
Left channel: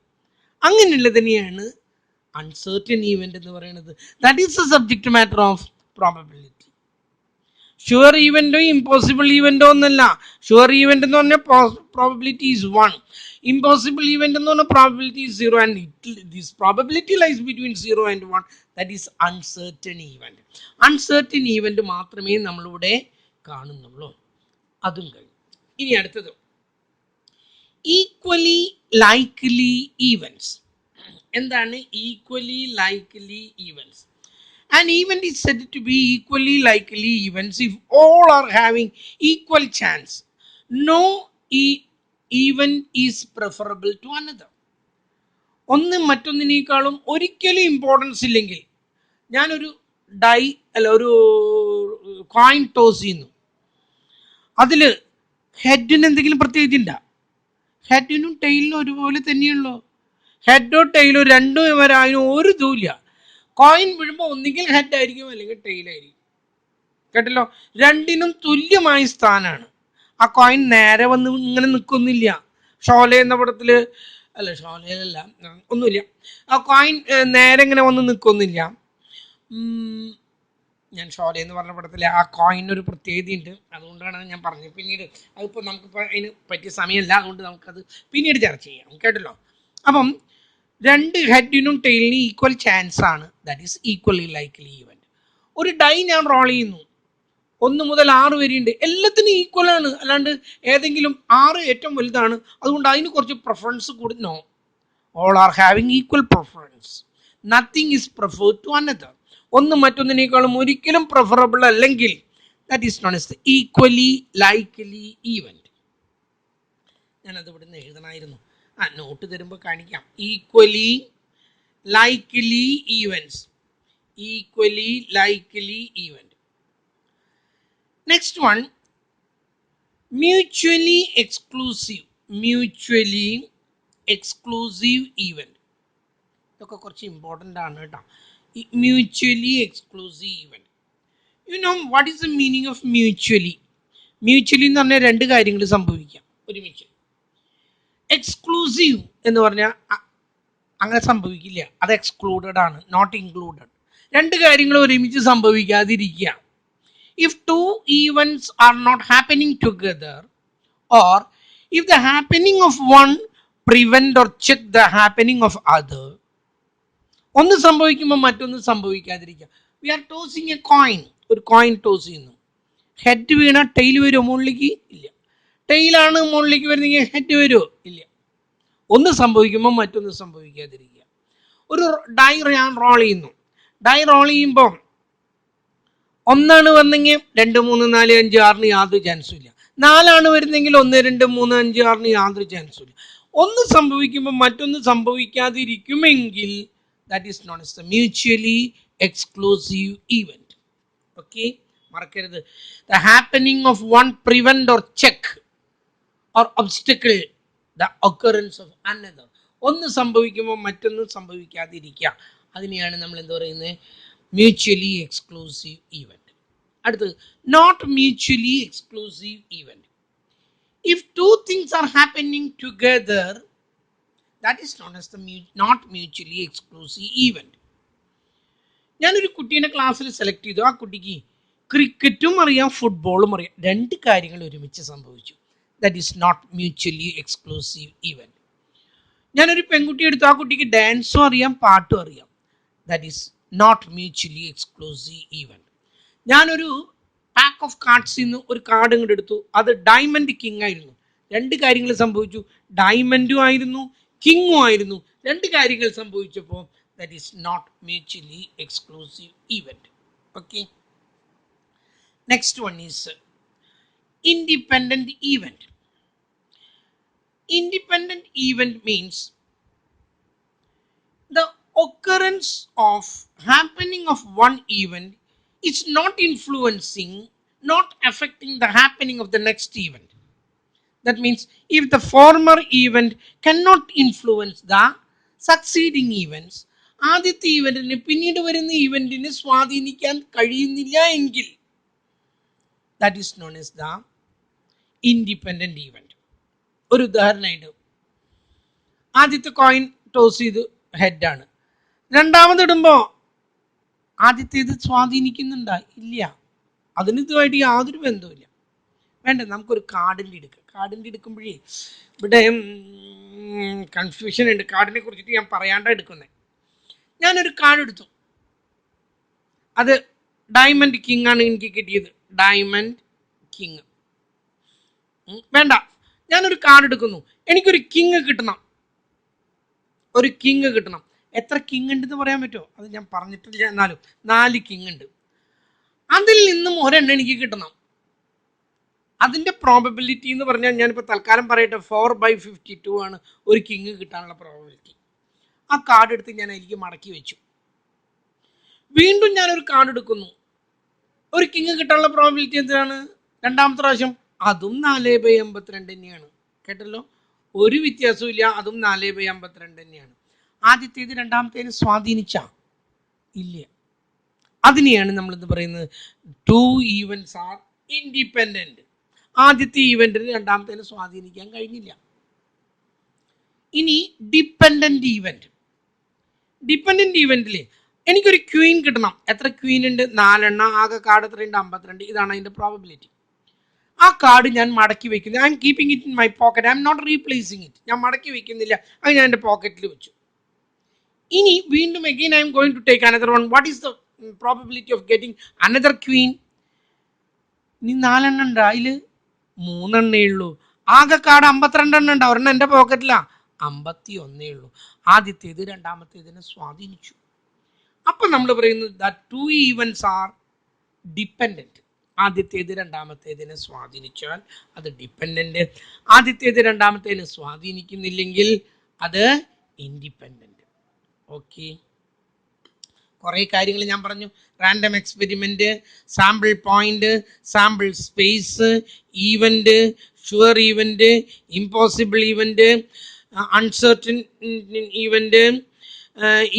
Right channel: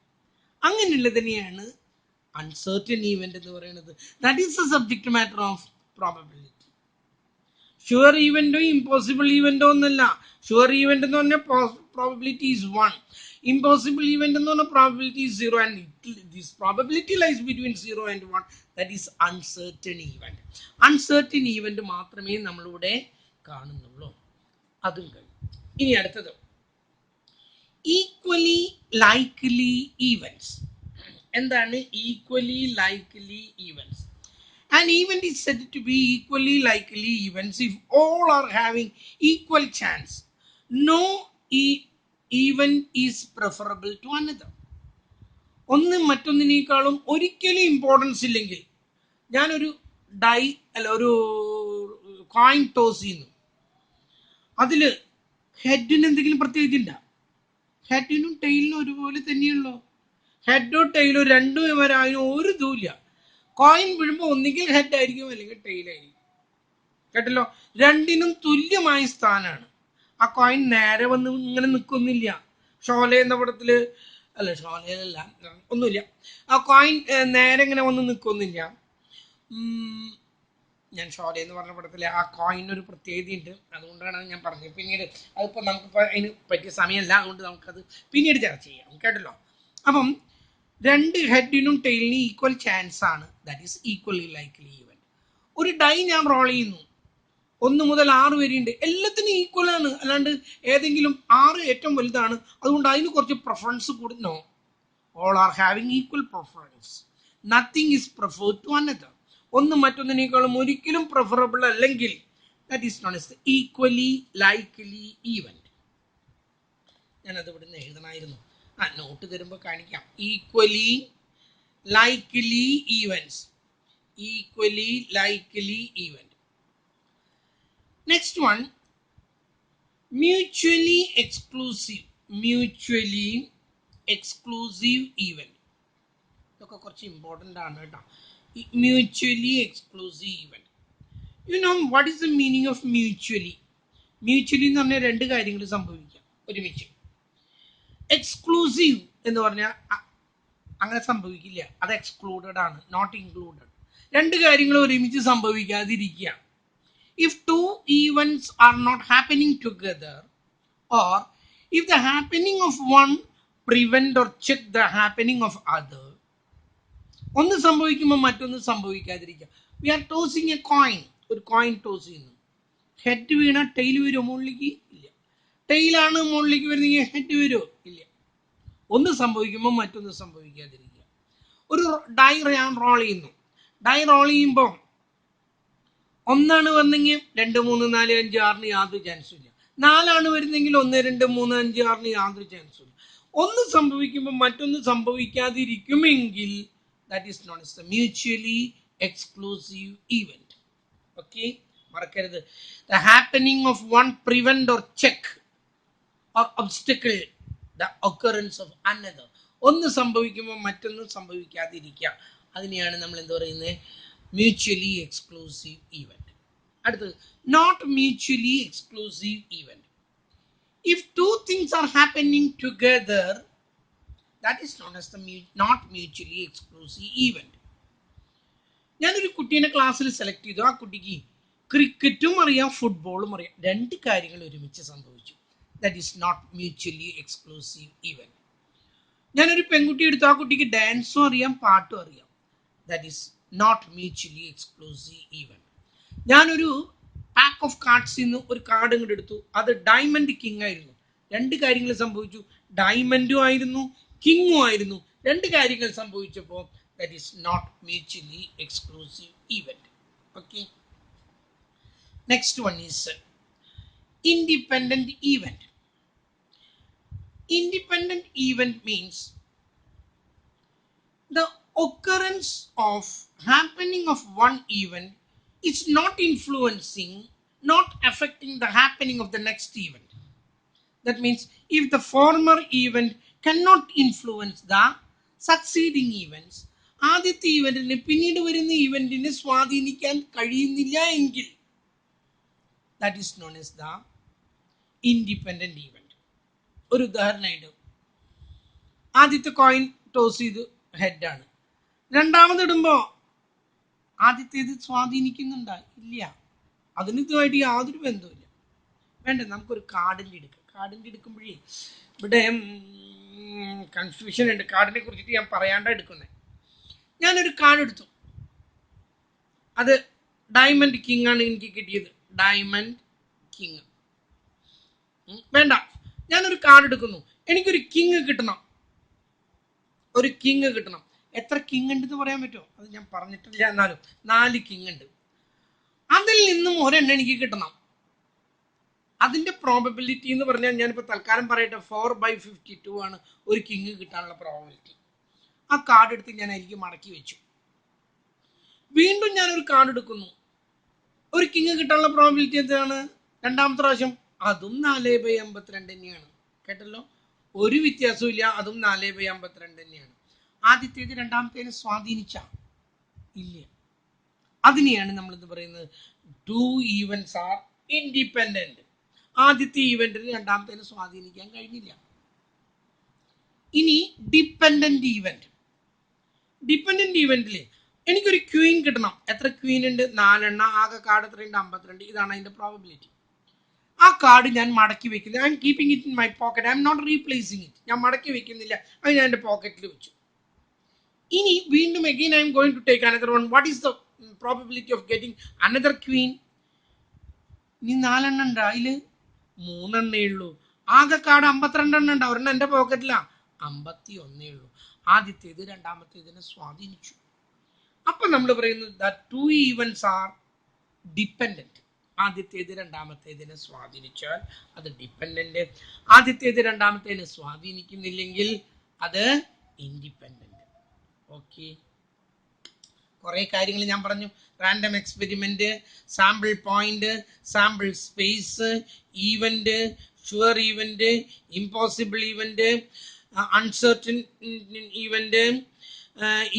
അങ്ങനെയുള്ളതിനെയാണ് അൺസർട്ടൻ ഈവൻറ്റ് എന്ന് പറയുന്നത്. That is the subject matter of probability. Sure ഈവൻറ്റോ ഇമ്പോസിബിൾ ഈവൻറ്റോ ഒന്നല്ല. ഷുവർ ഈവൻറ്റ് എന്ന് പറഞ്ഞാൽ പ്രോബബിലിറ്റി ഈസ് 1. ഇമ്പോസിബിൾ ഈവൻറ്റ് എന്ന് പറഞ്ഞാൽ probability is 0. And this probability lies between 0 and 1. That is uncertain event. Uncertain event മാത്രമേ നമ്മളിവിടെ കാണുന്നുള്ളൂ. അതും കഴിഞ്ഞു. ഇനി അടുത്തത് ഈക്വലി ലൈക്ക്ലി ഈവൻറ്റ്സ്. എന്താണ് equally likely events? An event is said to be equally likely events if all are having equal chance. No event is preferable to another. ഒന്ന് മറ്റൊന്നിനേക്കാളും ഒരിക്കലും ഇമ്പോർട്ടൻസ് ഇല്ലെങ്കിൽ, ഞാനൊരു ഒരു കോയിൻ ടോസ് ചെയ്യുന്നു, അതിൽ ഹെഡിന് എന്തെങ്കിലും പ്രത്യേകത ഉണ്ടോ? ഹെഡിനും ടെയിലിനും ഒരുപോലെ തന്നെയുള്ളൂ. ഹെഡോ ടൈലോ രണ്ടും വരാനും ഒരു ഇതുമില്ല. കോയിൻ വീഴുമ്പോൾ ഒന്നുകിൽ ഹെഡ് ആയിരിക്കും അല്ലെങ്കിൽ ടെയിലായിരിക്കും. കേട്ടല്ലോ? രണ്ടിനും തുല്യമായ സ്ഥാനമാണ്. ആ കോയിൻ നേരെ വന്ന് ഇങ്ങനെ നിൽക്കൊന്നില്ല. ഷോല എന്ന പടത്തിൽ, അല്ല ഷോലയിലല്ല, ഒന്നുമില്ല, ആ കോയിൻ നേരെ ഇങ്ങനെ വന്ന് നിൽക്കൊന്നില്ല. ഞാൻ ഷോല എന്ന് പറഞ്ഞ പടത്തിൽ ആ കോയിനൊരു പ്രത്യേകതയുണ്ട്, അതുകൊണ്ടാണ് ഞാൻ പറഞ്ഞത്. പിന്നീട് അതിപ്പോൾ നമുക്കിപ്പോൾ അതിന് പറ്റിയ സമയമല്ല, അതുകൊണ്ട് നമുക്കത് പിന്നീട് ചർച്ച ചെയ്യാം. കേട്ടല്ലോ? അപ്പം 2 ഹെഡിനും ടെയിലിനും ഈക്വൽ ചാൻസ് ആണ്. That is equally likely event. ഒരു ഡൈ ഞാൻ റോൾ ചെയ്യുന്നു, 1 മുതൽ 6 വരെയുണ്ട്, എല്ലാത്തിനും ഈക്വൽ ആണ്. അല്ലാണ്ട് ഏതെങ്കിലും 6 ഏറ്റവും വലുതാണ് അതുകൊണ്ട് അതിന് കുറച്ച് പ്രിഫറൻസ് കൂടി. No, all are having equal preference. Nothing is preferred to another. ഒന്ന് മറ്റൊന്നിനേക്കാളും ഒരിക്കലും പ്രിഫറബിൾ അല്ലെങ്കിൽ that is known as the equally likely event. ഞാനത് ഇവിടുന്ന് എഴുതണമായിരുന്നു. നോട്ട് തരുമ്പോൾ കാണിക്കാം. Equally likely events. Equally likely event. Next one, mutually exclusive. Mutually exclusive event. ഇതൊക്കെ കുറച്ച് ഇമ്പോർട്ടൻ്റ് ആണ് കേട്ടോ. Mutually exclusive event. You know what is the meaning of mutually? Mutually എന്ന് പറഞ്ഞാൽ 2 കാര്യങ്ങൾ സംഭവിക്കാം ഒരുമിച്ച്. എക്സ്ക്ലൂസീവ് എന്ന് പറഞ്ഞാൽ അങ്ങനെ സംഭവിക്കില്ല. അത് എക്സ്ക്ലൂഡഡ് ആണ്, നോട്ട് ഇൻക്ലൂഡഡ്. രണ്ട് കാര്യങ്ങൾ ഒരുമിച്ച് സംഭവിക്കാതിരിക്കുക. If two events are not happening together, or if the happening of one prevent or check the happening of other, ഒന്ന് സംഭവിക്കുമ്പോൾ മറ്റൊന്ന് സംഭവിക്കാതിരിക്കുക. We are tossing a coin. ഒരു കോയിൻ ടോസ് ചെയ്യുന്നു. ഹെഡ് വീണ ടെയിൽ വരുമോ മുകളിലേക്ക്? ഇല്ല. ടെയിലാണ് മുകളിലേക്ക് വരുന്നെങ്കിൽ ഹെഡ് വരുമോ? ഇല്ല. ഒന്ന് സംഭവിക്കുമ്പോൾ മറ്റൊന്ന് സംഭവിക്കാതിരിക്കുക. ഒരു ഡൈ ഞാൻ റോൾ ചെയ്യുന്നു. ഡൈ റോൾ ചെയ്യുമ്പോൾ ഒന്നാണ് വന്നെങ്കിൽ 2, 3, 4, 5, 6 യാതൊരു ചാൻസും ഇല്ല. 4 വരുന്നെങ്കിൽ 1, 2, 3, 5, 6 യാതൊരു ചാൻസും ഇല്ല. ഒന്ന് സംഭവിക്കുമ്പോൾ മറ്റൊന്ന് സംഭവിക്കാതിരിക്കുമെങ്കിൽ that is known as the mutually exclusive event. Okay, മറക്കരുത്. The happening of one prevent or check or obstacle the occurrence of another. ഒന്ന് സംഭവിക്കുമ്പോൾ മറ്റൊന്നും സംഭവിക്കാതിരിക്കുക. അതിനെയാണ് നമ്മൾ എന്താ പറയുന്നത്? Mutually exclusive event. അടുത്തത് not mutually exclusive event. If two things are happening together, that is known as the not mutually exclusive event. ഞാനൊരു കുട്ടീനെ ക്ലാസ്സിൽ സെലക്ട് ചെയ്തു. ആ കുട്ടിക്ക് ക്രിക്കറ്റും അറിയാം, ഫുട്ബോളും അറിയാം. രണ്ട് കാര്യങ്ങൾ ഒരുമിച്ച് സംഭവിച്ചു. That is not mutually exclusive event. ഞാനൊരു പെൺകുട്ടി എടുത്തു. ആ കുട്ടിക്ക് ഡാൻസും അറിയാം, പാട്ടും അറിയാം. That is not mutually exclusive event. ഞാനൊരു പാക്ക് ഓഫ് കാർഡ്സിൽ നിന്ന് ഒരു കാർഡ് ഇങ്ങോട്ട് എടുത്തു. അത് ഡയമണ്ട് കിങ് ആയിരുന്നു. രണ്ട് കാര്യങ്ങൾ സംഭവിച്ചു. ഡയമണ്ടും ആയിരുന്നു, കിങ്ങും ആയിരുന്നു. രണ്ട് കാര്യങ്ങൾ സംഭവിച്ചപ്പോൾ that is not mutually exclusive event. Okay, next one is independent event. Independent event means the occurrence of happening of one event is not influencing, not affecting the happening of the next event. That means if the former event cannot influence the succeeding events, ആദ്യത്തെ ഈവൻറ്റിന് പിന്നീട് വരുന്ന ഈവൻറ്റിനെ സ്വാധീനിക്കാൻ കഴിയുന്നില്ല എങ്കിൽ that is known as the independent event. ഒരു ഉദാഹരണമായിട്ട്, ആദ്യത്തെ കോയിൻ ടോസ് ചെയ്ത് ഹെഡാണ്. രണ്ടാമതിടുമ്പോൾ ആദ്യത്തേത് സ്വാധീനിക്കുന്നുണ്ടോ? ഇല്ല. അതിന് ഇതുമായിട്ട് യാതൊരു ബന്ധവുമില്ല. വേണ്ട, നമുക്കൊരു കാർഡിൻ്റെ എടുക്കാം. കാർഡിൻ്റെ എടുക്കുമ്പോഴേ ഇവിടെ കൺഫ്യൂഷൻ ഉണ്ട്. കാർഡിനെ കുറിച്ചിട്ട് ഞാൻ പറയാണ്ടാണ് എടുക്കുന്നത്. ഞാനൊരു കാർഡ് എടുത്തു. അത് ഡയമണ്ട് കിങ് ആണ് എനിക്ക് കിട്ടിയത്. Diamond king. വേണ്ട, ഞാനൊരു കാർഡ് എടുക്കുന്നു. എനിക്കൊരു കിങ് കിട്ടണം. ഒരു കിങ് കിട്ടണം. എത്ര കിങ് ഉണ്ടെന്ന് പറയാൻ പറ്റുമോ? അത് ഞാൻ പറഞ്ഞിട്ടില്ല. എന്നാലും 4 കിങ് ഉണ്ട്. അതിൽ നിന്നും ഒരെണ്ണം എനിക്ക് കിട്ടണം. അതിൻ്റെ പ്രോബബിലിറ്റി എന്ന് പറഞ്ഞാൽ ഞാനിപ്പോൾ തൽക്കാലം പറയട്ടെ, 4/52 ആണ് ഒരു കിങ് കിട്ടാനുള്ള പ്രോബബിലിറ്റി. ആ കാർഡ് എടുത്ത് ഞാൻ എനിക്ക് മടക്കി വെച്ചു. വീണ്ടും ഞാനൊരു കാർഡ് എടുക്കുന്നു. ഒരു കിങ് കിട്ടാനുള്ള പ്രോബബിലിറ്റി എന്താണ്? രണ്ടാമത്തെ പ്രാവശ്യം അതും 4/52 തന്നെയാണ്. കേട്ടല്ലോ, ഒരു വ്യത്യാസവും ഇല്ല. അതും 4/52 തന്നെയാണ്. ആദ്യത്തേത് രണ്ടാമത്തേന് സ്വാധീനിച്ച ഇല്ല. അതിനെയാണ് നമ്മൾ എന്ത് പറയുന്നത്? Two events are independent. ആദ്യത്തെ ഈവൻറ്റിന് രണ്ടാമത്തേന് സ്വാധീനിക്കാൻ കഴിഞ്ഞില്ല. ഇനി ഡിപ്പെൻഡന്റ് ഈവൻറ്റ്. ഡിപ്പെൻഡന്റ് ഈവൻറ്റിൽ എനിക്കൊരു ക്വീൻ കിട്ടണം. എത്ര ക്വീൻ ഉണ്ട്? 4 എണ്ണം. ആകെ കാർഡ് എത്രയുണ്ട്? 52. ഇതാണ് അതിൻ്റെ പ്രോബബിലിറ്റി. ആ കാർഡ് ഞാൻ മടക്കി വെക്കുന്നത്. I am keeping it in my pocket. I am not replacing it. ഞാൻ മടക്കി വെക്കുന്നില്ല. അത് ഞാൻ എൻ്റെ പോക്കറ്റിൽ വെച്ചു. ഇനി വീണ്ടും again I am going to take another one. What is the probability of getting another queen? ഇനി 4 എണ്ണം ഉണ്ട്. അതിൽ 3 എണ്ണേ ഉള്ളൂ. ആകെ കാർഡ് 52 എണ്ണം ഉണ്ട്. ഒരെണ്ണം എൻ്റെ പോക്കറ്റിലാണ്. 51 ഉള്ളൂ. ആദ്യത്തേത് രണ്ടാമത്തേതിനെ സ്വാധീനിച്ചു. അപ്പം നമ്മൾ പറയുന്നത് that two events are dependent. ആദ്യത്തേത് രണ്ടാമത്തേതിനെ സ്വാധീനിച്ചാൽ അത് ഡിപ്പെൻഡൻറ്റ്. ആദ്യത്തേത് രണ്ടാമത്തേതിനെ സ്വാധീനിക്കുന്നില്ലെങ്കിൽ അത് ഇൻഡിപെൻഡൻറ്റ്. ഓക്കെ, കുറേ കാര്യങ്ങൾ ഞാൻ പറഞ്ഞു. Random experiment, sample point, sample space, event, sure event, impossible event, uncertain event,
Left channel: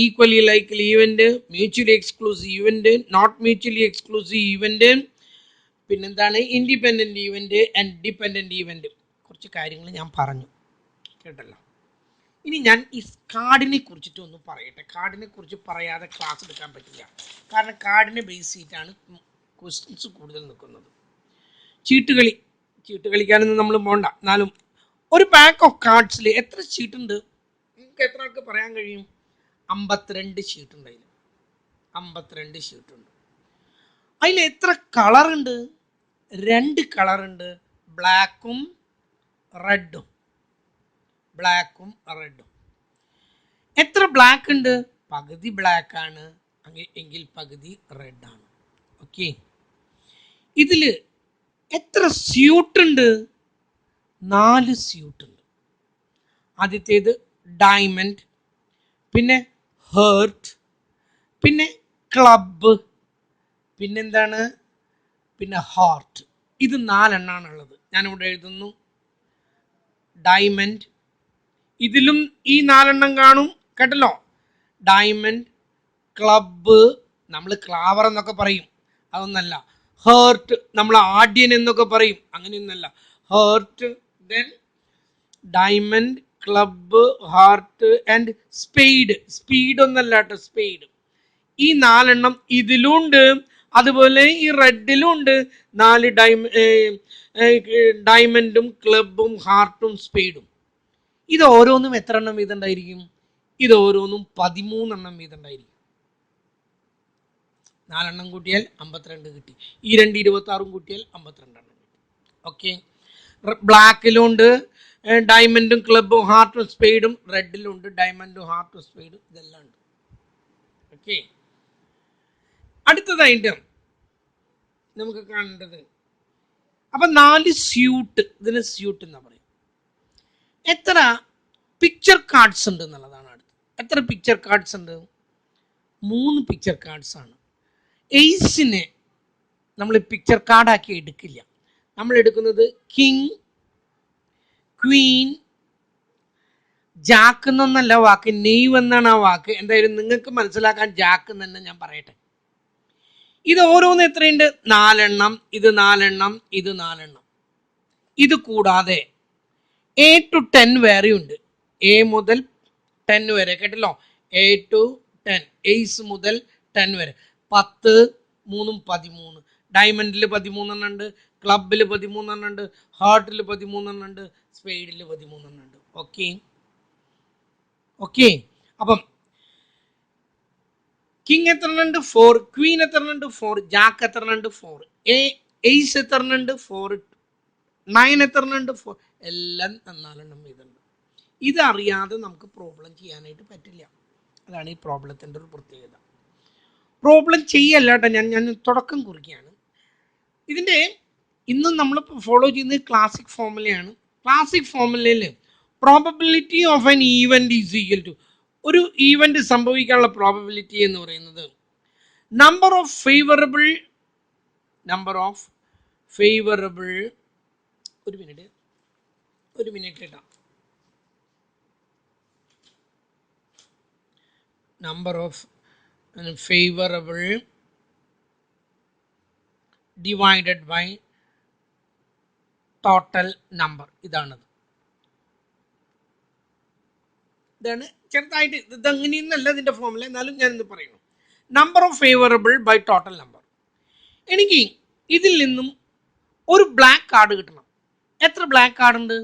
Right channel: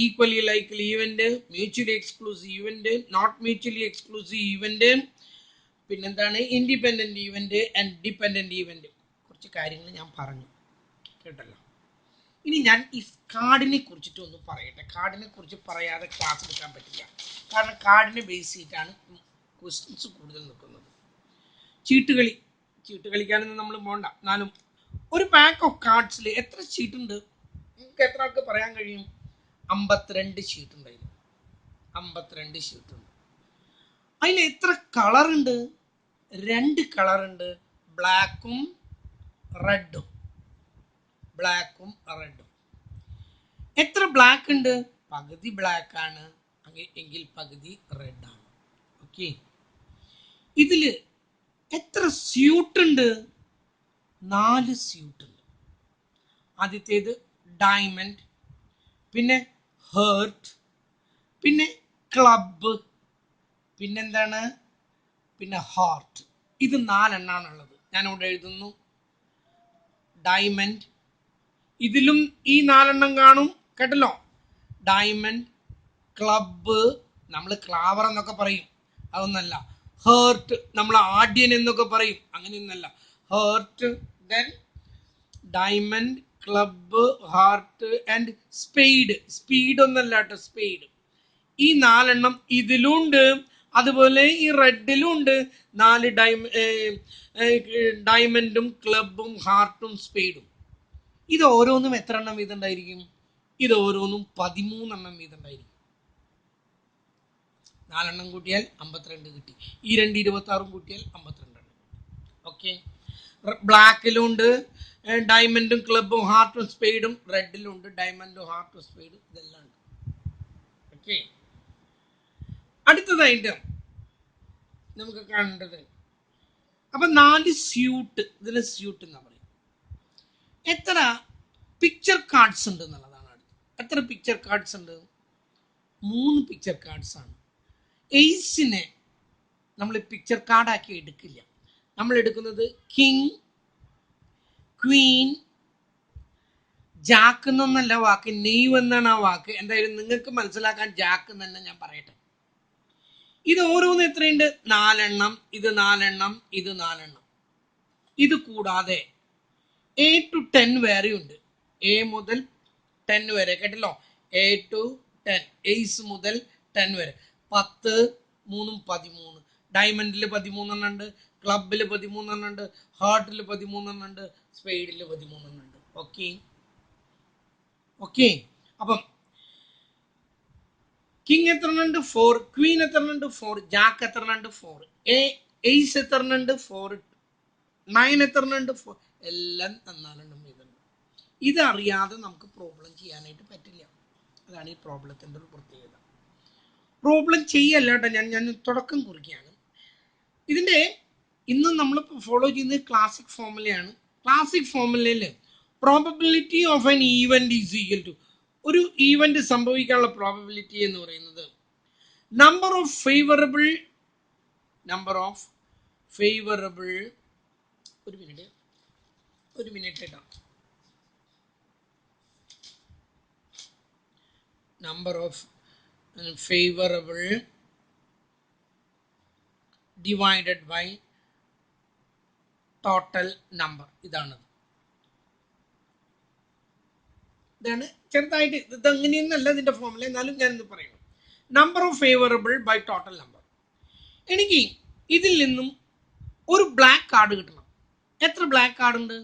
equally likely event, mutually exclusive event, not mutually exclusive event, പിന്നെന്താണ് independent event and dependent event. കുറച്ച് കാര്യങ്ങൾ ഞാൻ പറഞ്ഞു കേട്ടല്ലോ. ഇനി ഞാൻ ഈ കാർഡിനെ കുറിച്ചിട്ട് ഒന്ന് പറയട്ടെ. കാർഡിനെ കുറിച്ച് പറയാതെ ക്ലാസ് എടുക്കാൻ പറ്റില്ല. കാരണം കാർഡിനെ ബേസ് ചെയ്തിട്ടാണ് ക്വസ്റ്റ്യൻസ് കൂടുതൽ നിൽക്കുന്നത്. ചീട്ടുകളി കളിക്കാനൊന്നും നമ്മൾ പോകണ്ട. എന്നാലും ഒരു പാക്ക് ഓഫ് കാർഡ്സിൽ എത്ര ഷീട്ടുണ്ട് നിങ്ങൾക്ക് എത്ര ആൾക്ക് പറയാൻ കഴിയും? 52 ഷീറ്റ് ഉണ്ട്. 52 ഷീറ്റ് ഉണ്ട്. അതിൽ എത്ര കളറുണ്ട്? 2 കളറുണ്ട്, ബ്ലാക്കും റെഡും. എത്ര ബ്ലാക്ക് ഉണ്ട്? പകുതി ബ്ലാക്ക് ആണ് എങ്കിൽ പകുതി റെഡ് ആണ്. ഓക്കെ. ഇതില് എത്ര സ്യൂട്ട് ഉണ്ട്? 4 സ്യൂട്ട് ഉണ്ട്. ആദ്യത്തേത് ഡയമണ്ട്, പിന്നെ ഹേർട്ട്, പിന്നെ ക്ലബ്, പിന്നെന്താണ്, പിന്നെ ഹാർട്ട്. ഇത് 4 എണ്ണാണുള്ളത്. ഞാനിവിടെ എഴുതുന്നു ഡയമണ്ട്. ഇതിലും ഈ 4 എണ്ണം കാണും കേട്ടല്ലോ. ഡയമണ്ട്, ക്ലബ്, നമ്മൾ ക്ലാവർ എന്നൊക്കെ പറയും, അതൊന്നല്ല. ഹേർട്ട് നമ്മൾ ആദ്യൻ എന്നൊക്കെ പറയും, അങ്ങനെയൊന്നല്ല. Heart, then diamond, club, heart and spade. Speed ഒന്നല്ല കേട്ടോ, സ്പെയ്ഡ്. ഈ 4 എണ്ണം ഇതിലുണ്ട്. അതുപോലെ ഈ റെഡിലും ഉണ്ട് 4 ഡയമണ്ടും ക്ലബും ഹാർട്ടും സ്പെയ്ഡും. ഇത് ഓരോന്നും എത്ര എണ്ണം വീതം ഉണ്ടായിരിക്കും? ഇത് ഓരോന്നും 13 എണ്ണം വീതം ഉണ്ടായിരിക്കും. 4 എണ്ണം കൂട്ടിയാൽ 52 കിട്ടി. ഈ 2 26 കൂട്ടിയാൽ 52 എണ്ണം കിട്ടി. ഓക്കെ. ബ്ലാക്കിലും ഉണ്ട് ഡയമണ്ടും ക്ലബും ഹാർട്ടും സ്പെയ്ഡും. റെഡിലും ഉണ്ട് ഡയമണ്ടും ഹാർട്ടും സ്പെയ്ഡും. ഇതെല്ലാം ഉണ്ട്. ഓക്കെ. അടുത്തതായിട്ട് നമുക്ക് കാണേണ്ടത്, അപ്പൊ 4 സ്യൂട്ട്, ഇതിന് സ്യൂട്ട് എന്നാ പറയും. എത്ര പിക്ചർ കാർഡ്സ് ഉണ്ട് എന്നുള്ളതാണ് അടുത്ത്. എത്ര പിക്ചർ കാർഡ്സ് ഉണ്ട്? 3 പിക്ചർ കാർഡ്സ് ആണ്. എയ്സിനെ നമ്മൾ പിക്ചർ കാർഡാക്കി എടുക്കില്ല. നമ്മൾ എടുക്കുന്നത് കിങ്, ക്വീൻ, ജാക്ക് എന്നൊന്നല്ല വാക്ക്, നെയ്വ് എന്നാണ് ആ വാക്ക്. എന്തായാലും നിങ്ങൾക്ക് മനസ്സിലാക്കാൻ ജാക്ക് എന്ന് തന്നെ ഞാൻ പറയട്ടെ. ഇത് ഓരോന്ന് എത്രയുണ്ട്? 4 എണ്ണം. ഇത് 4 എണ്ണം, ഇത് 4 എണ്ണം. ഇത് കൂടാതെ A to 10 വേറെ ഉണ്ട്. A മുതൽ 10 വരെ കേട്ടല്ലോ. A to 10, എയ്സ് മുതൽ 10 വരെ. 10, 3, 13. ഡയമണ്ടിൽ 13 എണ്ണം ഉണ്ട്, ക്ലബിൽ 13 എണ്ണം ഉണ്ട്, ഹാർട്ടിൽ 13 എണ്ണം ഉണ്ട്, സ്പെയ്ഡിൽ 13 എണ്ണം ഉണ്ട്. ഓക്കെ. ഓക്കെ. അപ്പം കിങ് എത്ര ഉണ്ട്? 4. ക്വീൻ എത്ര ഉണ്ട്? 4. ജാക്ക് എത്ര ഉണ്ട്? 4. എയ്സ് എത്ര ഉണ്ട്? 4. 9 എത്ര ഉണ്ട്? 4. എല്ലാം 4 എണ്ണം വീതമുണ്ട്. ഇതറിയാതെ നമുക്ക് പ്രോബ്ലം ചെയ്യാനായിട്ട് പറ്റില്ല. അതാണ് ഈ പ്രോബ്ലത്തിൻ്റെ ഒരു പ്രത്യേകത. പ്രോബ്ലം ചെയ്യല്ല കേട്ടോ, ഞാൻ തുടക്കം കുറിക്കുകയാണ്. ഇതിൻ്റെ ഇന്നും നമ്മൾ ഫോളോ ചെയ്യുന്നത് ക്ലാസിക് ഫോർമുലയാണ്. ക്ലാസിക് ഫോർമുലയിൽ probability of an event is equal to, ഒരു ഈവൻറ്റ് സംഭവിക്കാനുള്ള പ്രോബബിലിറ്റി എന്ന് പറയുന്നത് നമ്പർ ഓഫ് ഫേവറബിൾ ഒരു മിനിറ്റ് കേട്ടോ. Number of favourable divided by total number. ഇതാണ് ചെറുതായിട്ട്, ഇത് അങ്ങനെയൊന്നല്ല ഇതിൻ്റെ ഫോർമുല, എന്നാലും ഞാനിത് പറയുന്നു. Number of favourable by total number. എനിക്ക് ഇതിൽ നിന്നും ഒരു ബ്ലാക്ക് കാർഡ് കിട്ടണം. എത്ര ബ്ലാക്ക് കാർഡ് ഉണ്ട്?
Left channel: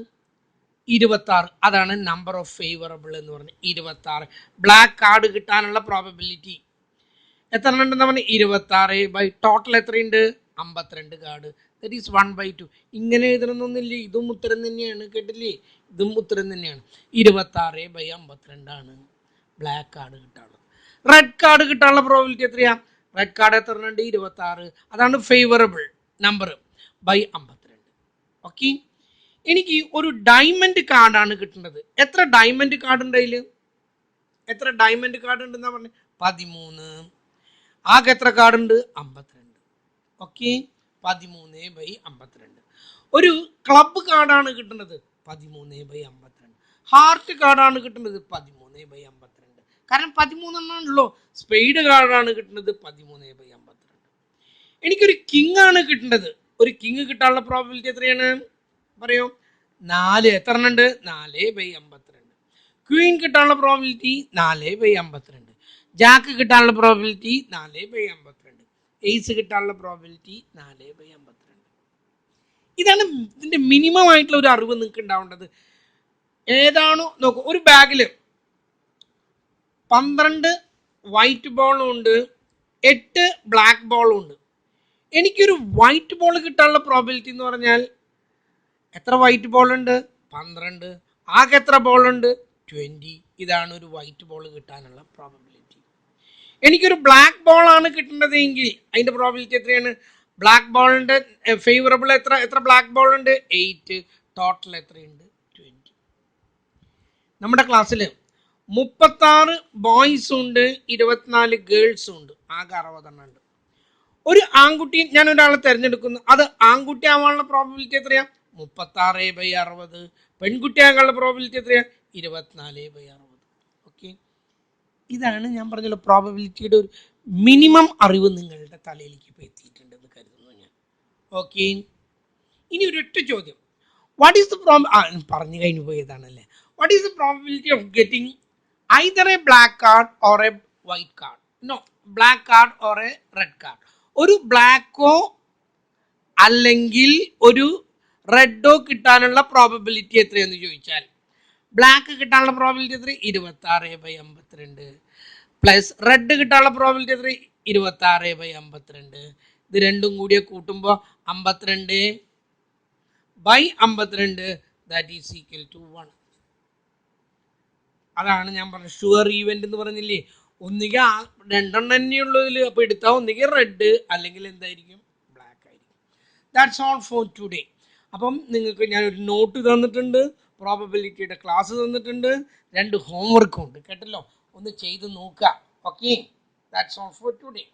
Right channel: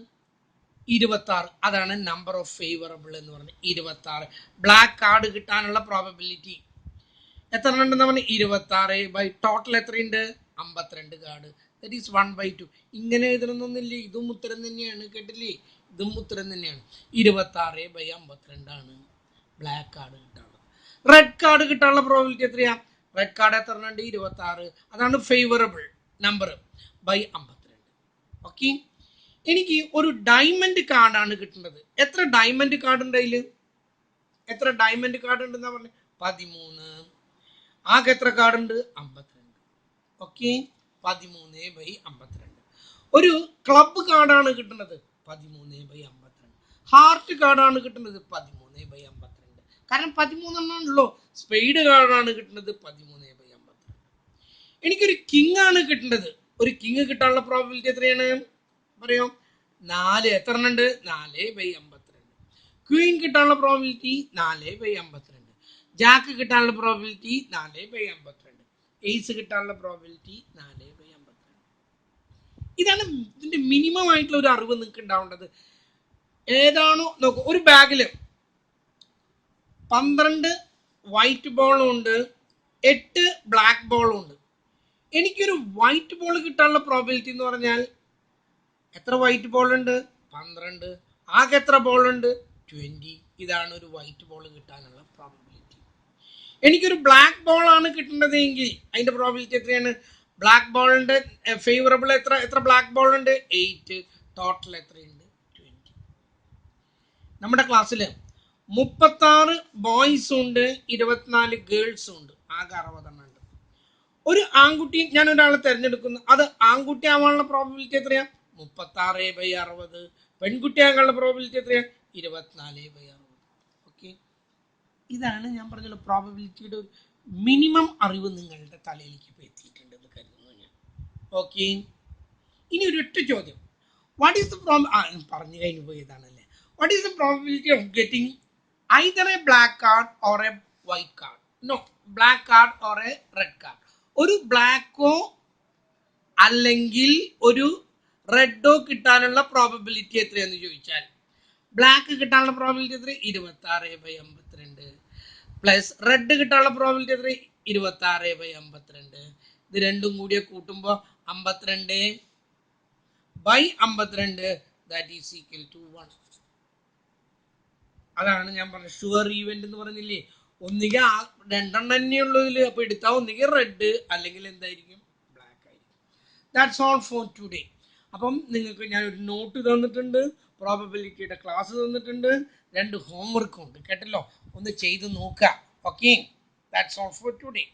26. അതാണ് നമ്പർ ഓഫ് ഫേവറബിൾ എന്ന് പറഞ്ഞത്. 26 ബ്ലാക്ക് കാർഡ് കിട്ടാനുള്ള പ്രോബബിലിറ്റി എത്ര ഉണ്ടെന്ന് പറഞ്ഞാൽ 26 ബൈ ടോട്ടൽ എത്രയുണ്ട്? 52 കാർഡ്. That is 1/2. ഇങ്ങനെ എഴുതണമെന്നൊന്നുമില്ല, ഇതും ഉത്തരം തന്നെയാണ് കേട്ടില്ലേ, ഇതും ഉത്തരം തന്നെയാണ്. 26 ബൈ 52 ആണ് ബ്ലാക്ക് കാർഡ് കിട്ടാനുള്ളത്. റെഡ് കാർഡ് കിട്ടാനുള്ള പ്രോബിലിറ്റി എത്രയാ? റെഡ് കാർഡ് എത്ര ഉണ്ട്? 26. അതാണ് ഫേവറബിൾ നമ്പർ ബൈ 52. ഓക്കെ. എനിക്ക് ഒരു ഡയമണ്ട് കാർഡാണ് കിട്ടുന്നത്. എത്ര ഡയമണ്ട് കാർഡ് ഉണ്ട് അതിൽ? എത്ര ഡയമണ്ട് കാർഡ് ഉണ്ടെന്നാ പറഞ്ഞത്? 13. ആകെ എത്ര കാർഡ് ഉണ്ട്? 52. ഓക്കെ. 13 ബൈ 52. ഒരു ക്ലബ് കാർഡാണ് കിട്ടുന്നത്. 13 ബൈ 52. ഹാർട്ട് കാർഡാണ് കിട്ടുന്നത്. 13 ബൈ 52. കാരണം 13 എണ്ണാണല്ലോ. സ്പെയ്ഡ് കാർഡാണ് കിട്ടുന്നത്. 13 ബൈ 52. എനിക്കൊരു കിങ് ആണ് കിട്ടേണ്ടത്. ഒരു കിങ് കിട്ടാനുള്ള പ്രോബിലിറ്റി എത്രയാണ് പറയോ? 4. എത്ര എണ്ണം ഉണ്ട്? 4 ബൈ 52. ക്വീൻ കിട്ടാനുള്ള പ്രോബിലിറ്റി 4/52. ജാക്ക് കിട്ടാനുള്ള പ്രോബിലിറ്റി 4/52. എയ്സ് കിട്ടാനുള്ള പ്രോബിലിറ്റി 4/52. ഇതാണ് ഇതിന്റെ മിനിമം ആയിട്ടുള്ള ഒരു അറിവ് നിങ്ങൾക്ക് ഉണ്ടാവേണ്ടത്. ഏതാണോ നോക്കൂ, ഒരു ബാഗിൽ 12 വൈറ്റ് ബോളും ഉണ്ട്, 8 ബ്ലാക്ക് ബോളും ഉണ്ട്. എനിക്കൊരു വൈറ്റ് ബോൾ കിട്ടാനുള്ള പ്രോബിലിറ്റി എന്ന് പറഞ്ഞാൽ എത്ര വൈറ്റ് ബോൾ ഉണ്ട്? 12. ആകെ എത്ര ബോൾ ഉണ്ട്? 20. ഇതാണ് ഒരു വൈറ്റ് ബോൾ കിട്ടാനുള്ള പ്രോബിലിറ്റി. എനിക്കൊരു ബ്ലാക്ക് ബോൾ ആണ് കിട്ടേണ്ടതെങ്കിൽ അതിന്റെ പ്രോബിലിറ്റി എത്രയാണ്? ബ്ലാക്ക് ബോളിന്റെ ഫേവറബിൾ എത്ര ബ്ലാക്ക് ബോൾ ഉണ്ട്? 8. ടോട്ടൽ എത്രയുണ്ട്? 20. നമ്മുടെ ക്ലാസ്സിൽ 36 ബോയ്സും ഉണ്ട്, 24 ഗേൾസും ഉണ്ട്. ആകെ 60 ഉണ്ട്. ഒരു ആൺകുട്ടി ഞാൻ ഒരാളെ തിരഞ്ഞെടുക്കുന്നു, അത് ആൺകുട്ടി ആവാനുള്ള പ്രോബിലിറ്റി എത്രയാ? 36/60. പെൺകുട്ടി ആകാനുള്ള പ്രോബിലിറ്റി എത്രയാ? 24/60. ഓക്കെ, ഇതാണ് ഞാൻ പറഞ്ഞല്ലോ പ്രോബിലിറ്റിയുടെ ഒരു മിനിമം അറിവ് നിങ്ങളുടെ തലയിലേക്ക് ഇപ്പോൾ എത്തിയിട്ടുണ്ടെന്ന് കരുതുന്നു ഞാൻ. ഓക്കെ, ഇനി ഒരൊറ്റ ചോദ്യം. വാട്ട് ഈസ് ദ പറഞ്ഞു കഴിഞ്ഞു പോയതാണല്ലേ. What is the probability of getting either a black card or a white card? No, black card or a red card. ഒരു ബ്ലാക്കോ അല്ലെങ്കിൽ ഒരു റെഡോ കിട്ടാനുള്ള പ്രോബബിലിറ്റി എത്രയെന്ന് ചോദിച്ചാൽ, ബ്ലാക്ക് കിട്ടാനുള്ള പ്രോബിലിറ്റി എത്ര? 26/52. പ്ലസ് റെഡ് കിട്ടാനുള്ള പ്രോബിലിറ്റി എത്ര? 26/52. ഇത് രണ്ടും കൂടിയ കൂട്ടുമ്പോൾ 52/52 ദാറ്റ് ഈസ് ഈക്വൽ ടു 1. അതാണ് ഞാൻ പറഞ്ഞത് ഷുവർ ഈവന്റ് എന്ന് പറഞ്ഞില്ലേ. ഒന്നുകിൽ രണ്ടെണ്ണം തന്നെയുള്ളതിൽ അപ്പോൾ എടുത്താൽ ഒന്നുകിൽ റെഡ് അല്ലെങ്കിൽ എന്തായിരിക്കും? ബ്ലാക്ക് ആയിരിക്കും. That's all for today. അപ്പം നിങ്ങൾക്ക് ഞാനൊരു നോട്ട് തന്നിട്ടുണ്ട്, പ്രോബബിലിറ്റിയുടെ ക്ലാസ് തന്നിട്ടുണ്ട്, 2 ഹോംവർക്കും ഉണ്ട് കേട്ടല്ലോ. ഒന്ന് ചെയ്ത് നോക്കുക. Okay, that's all for today.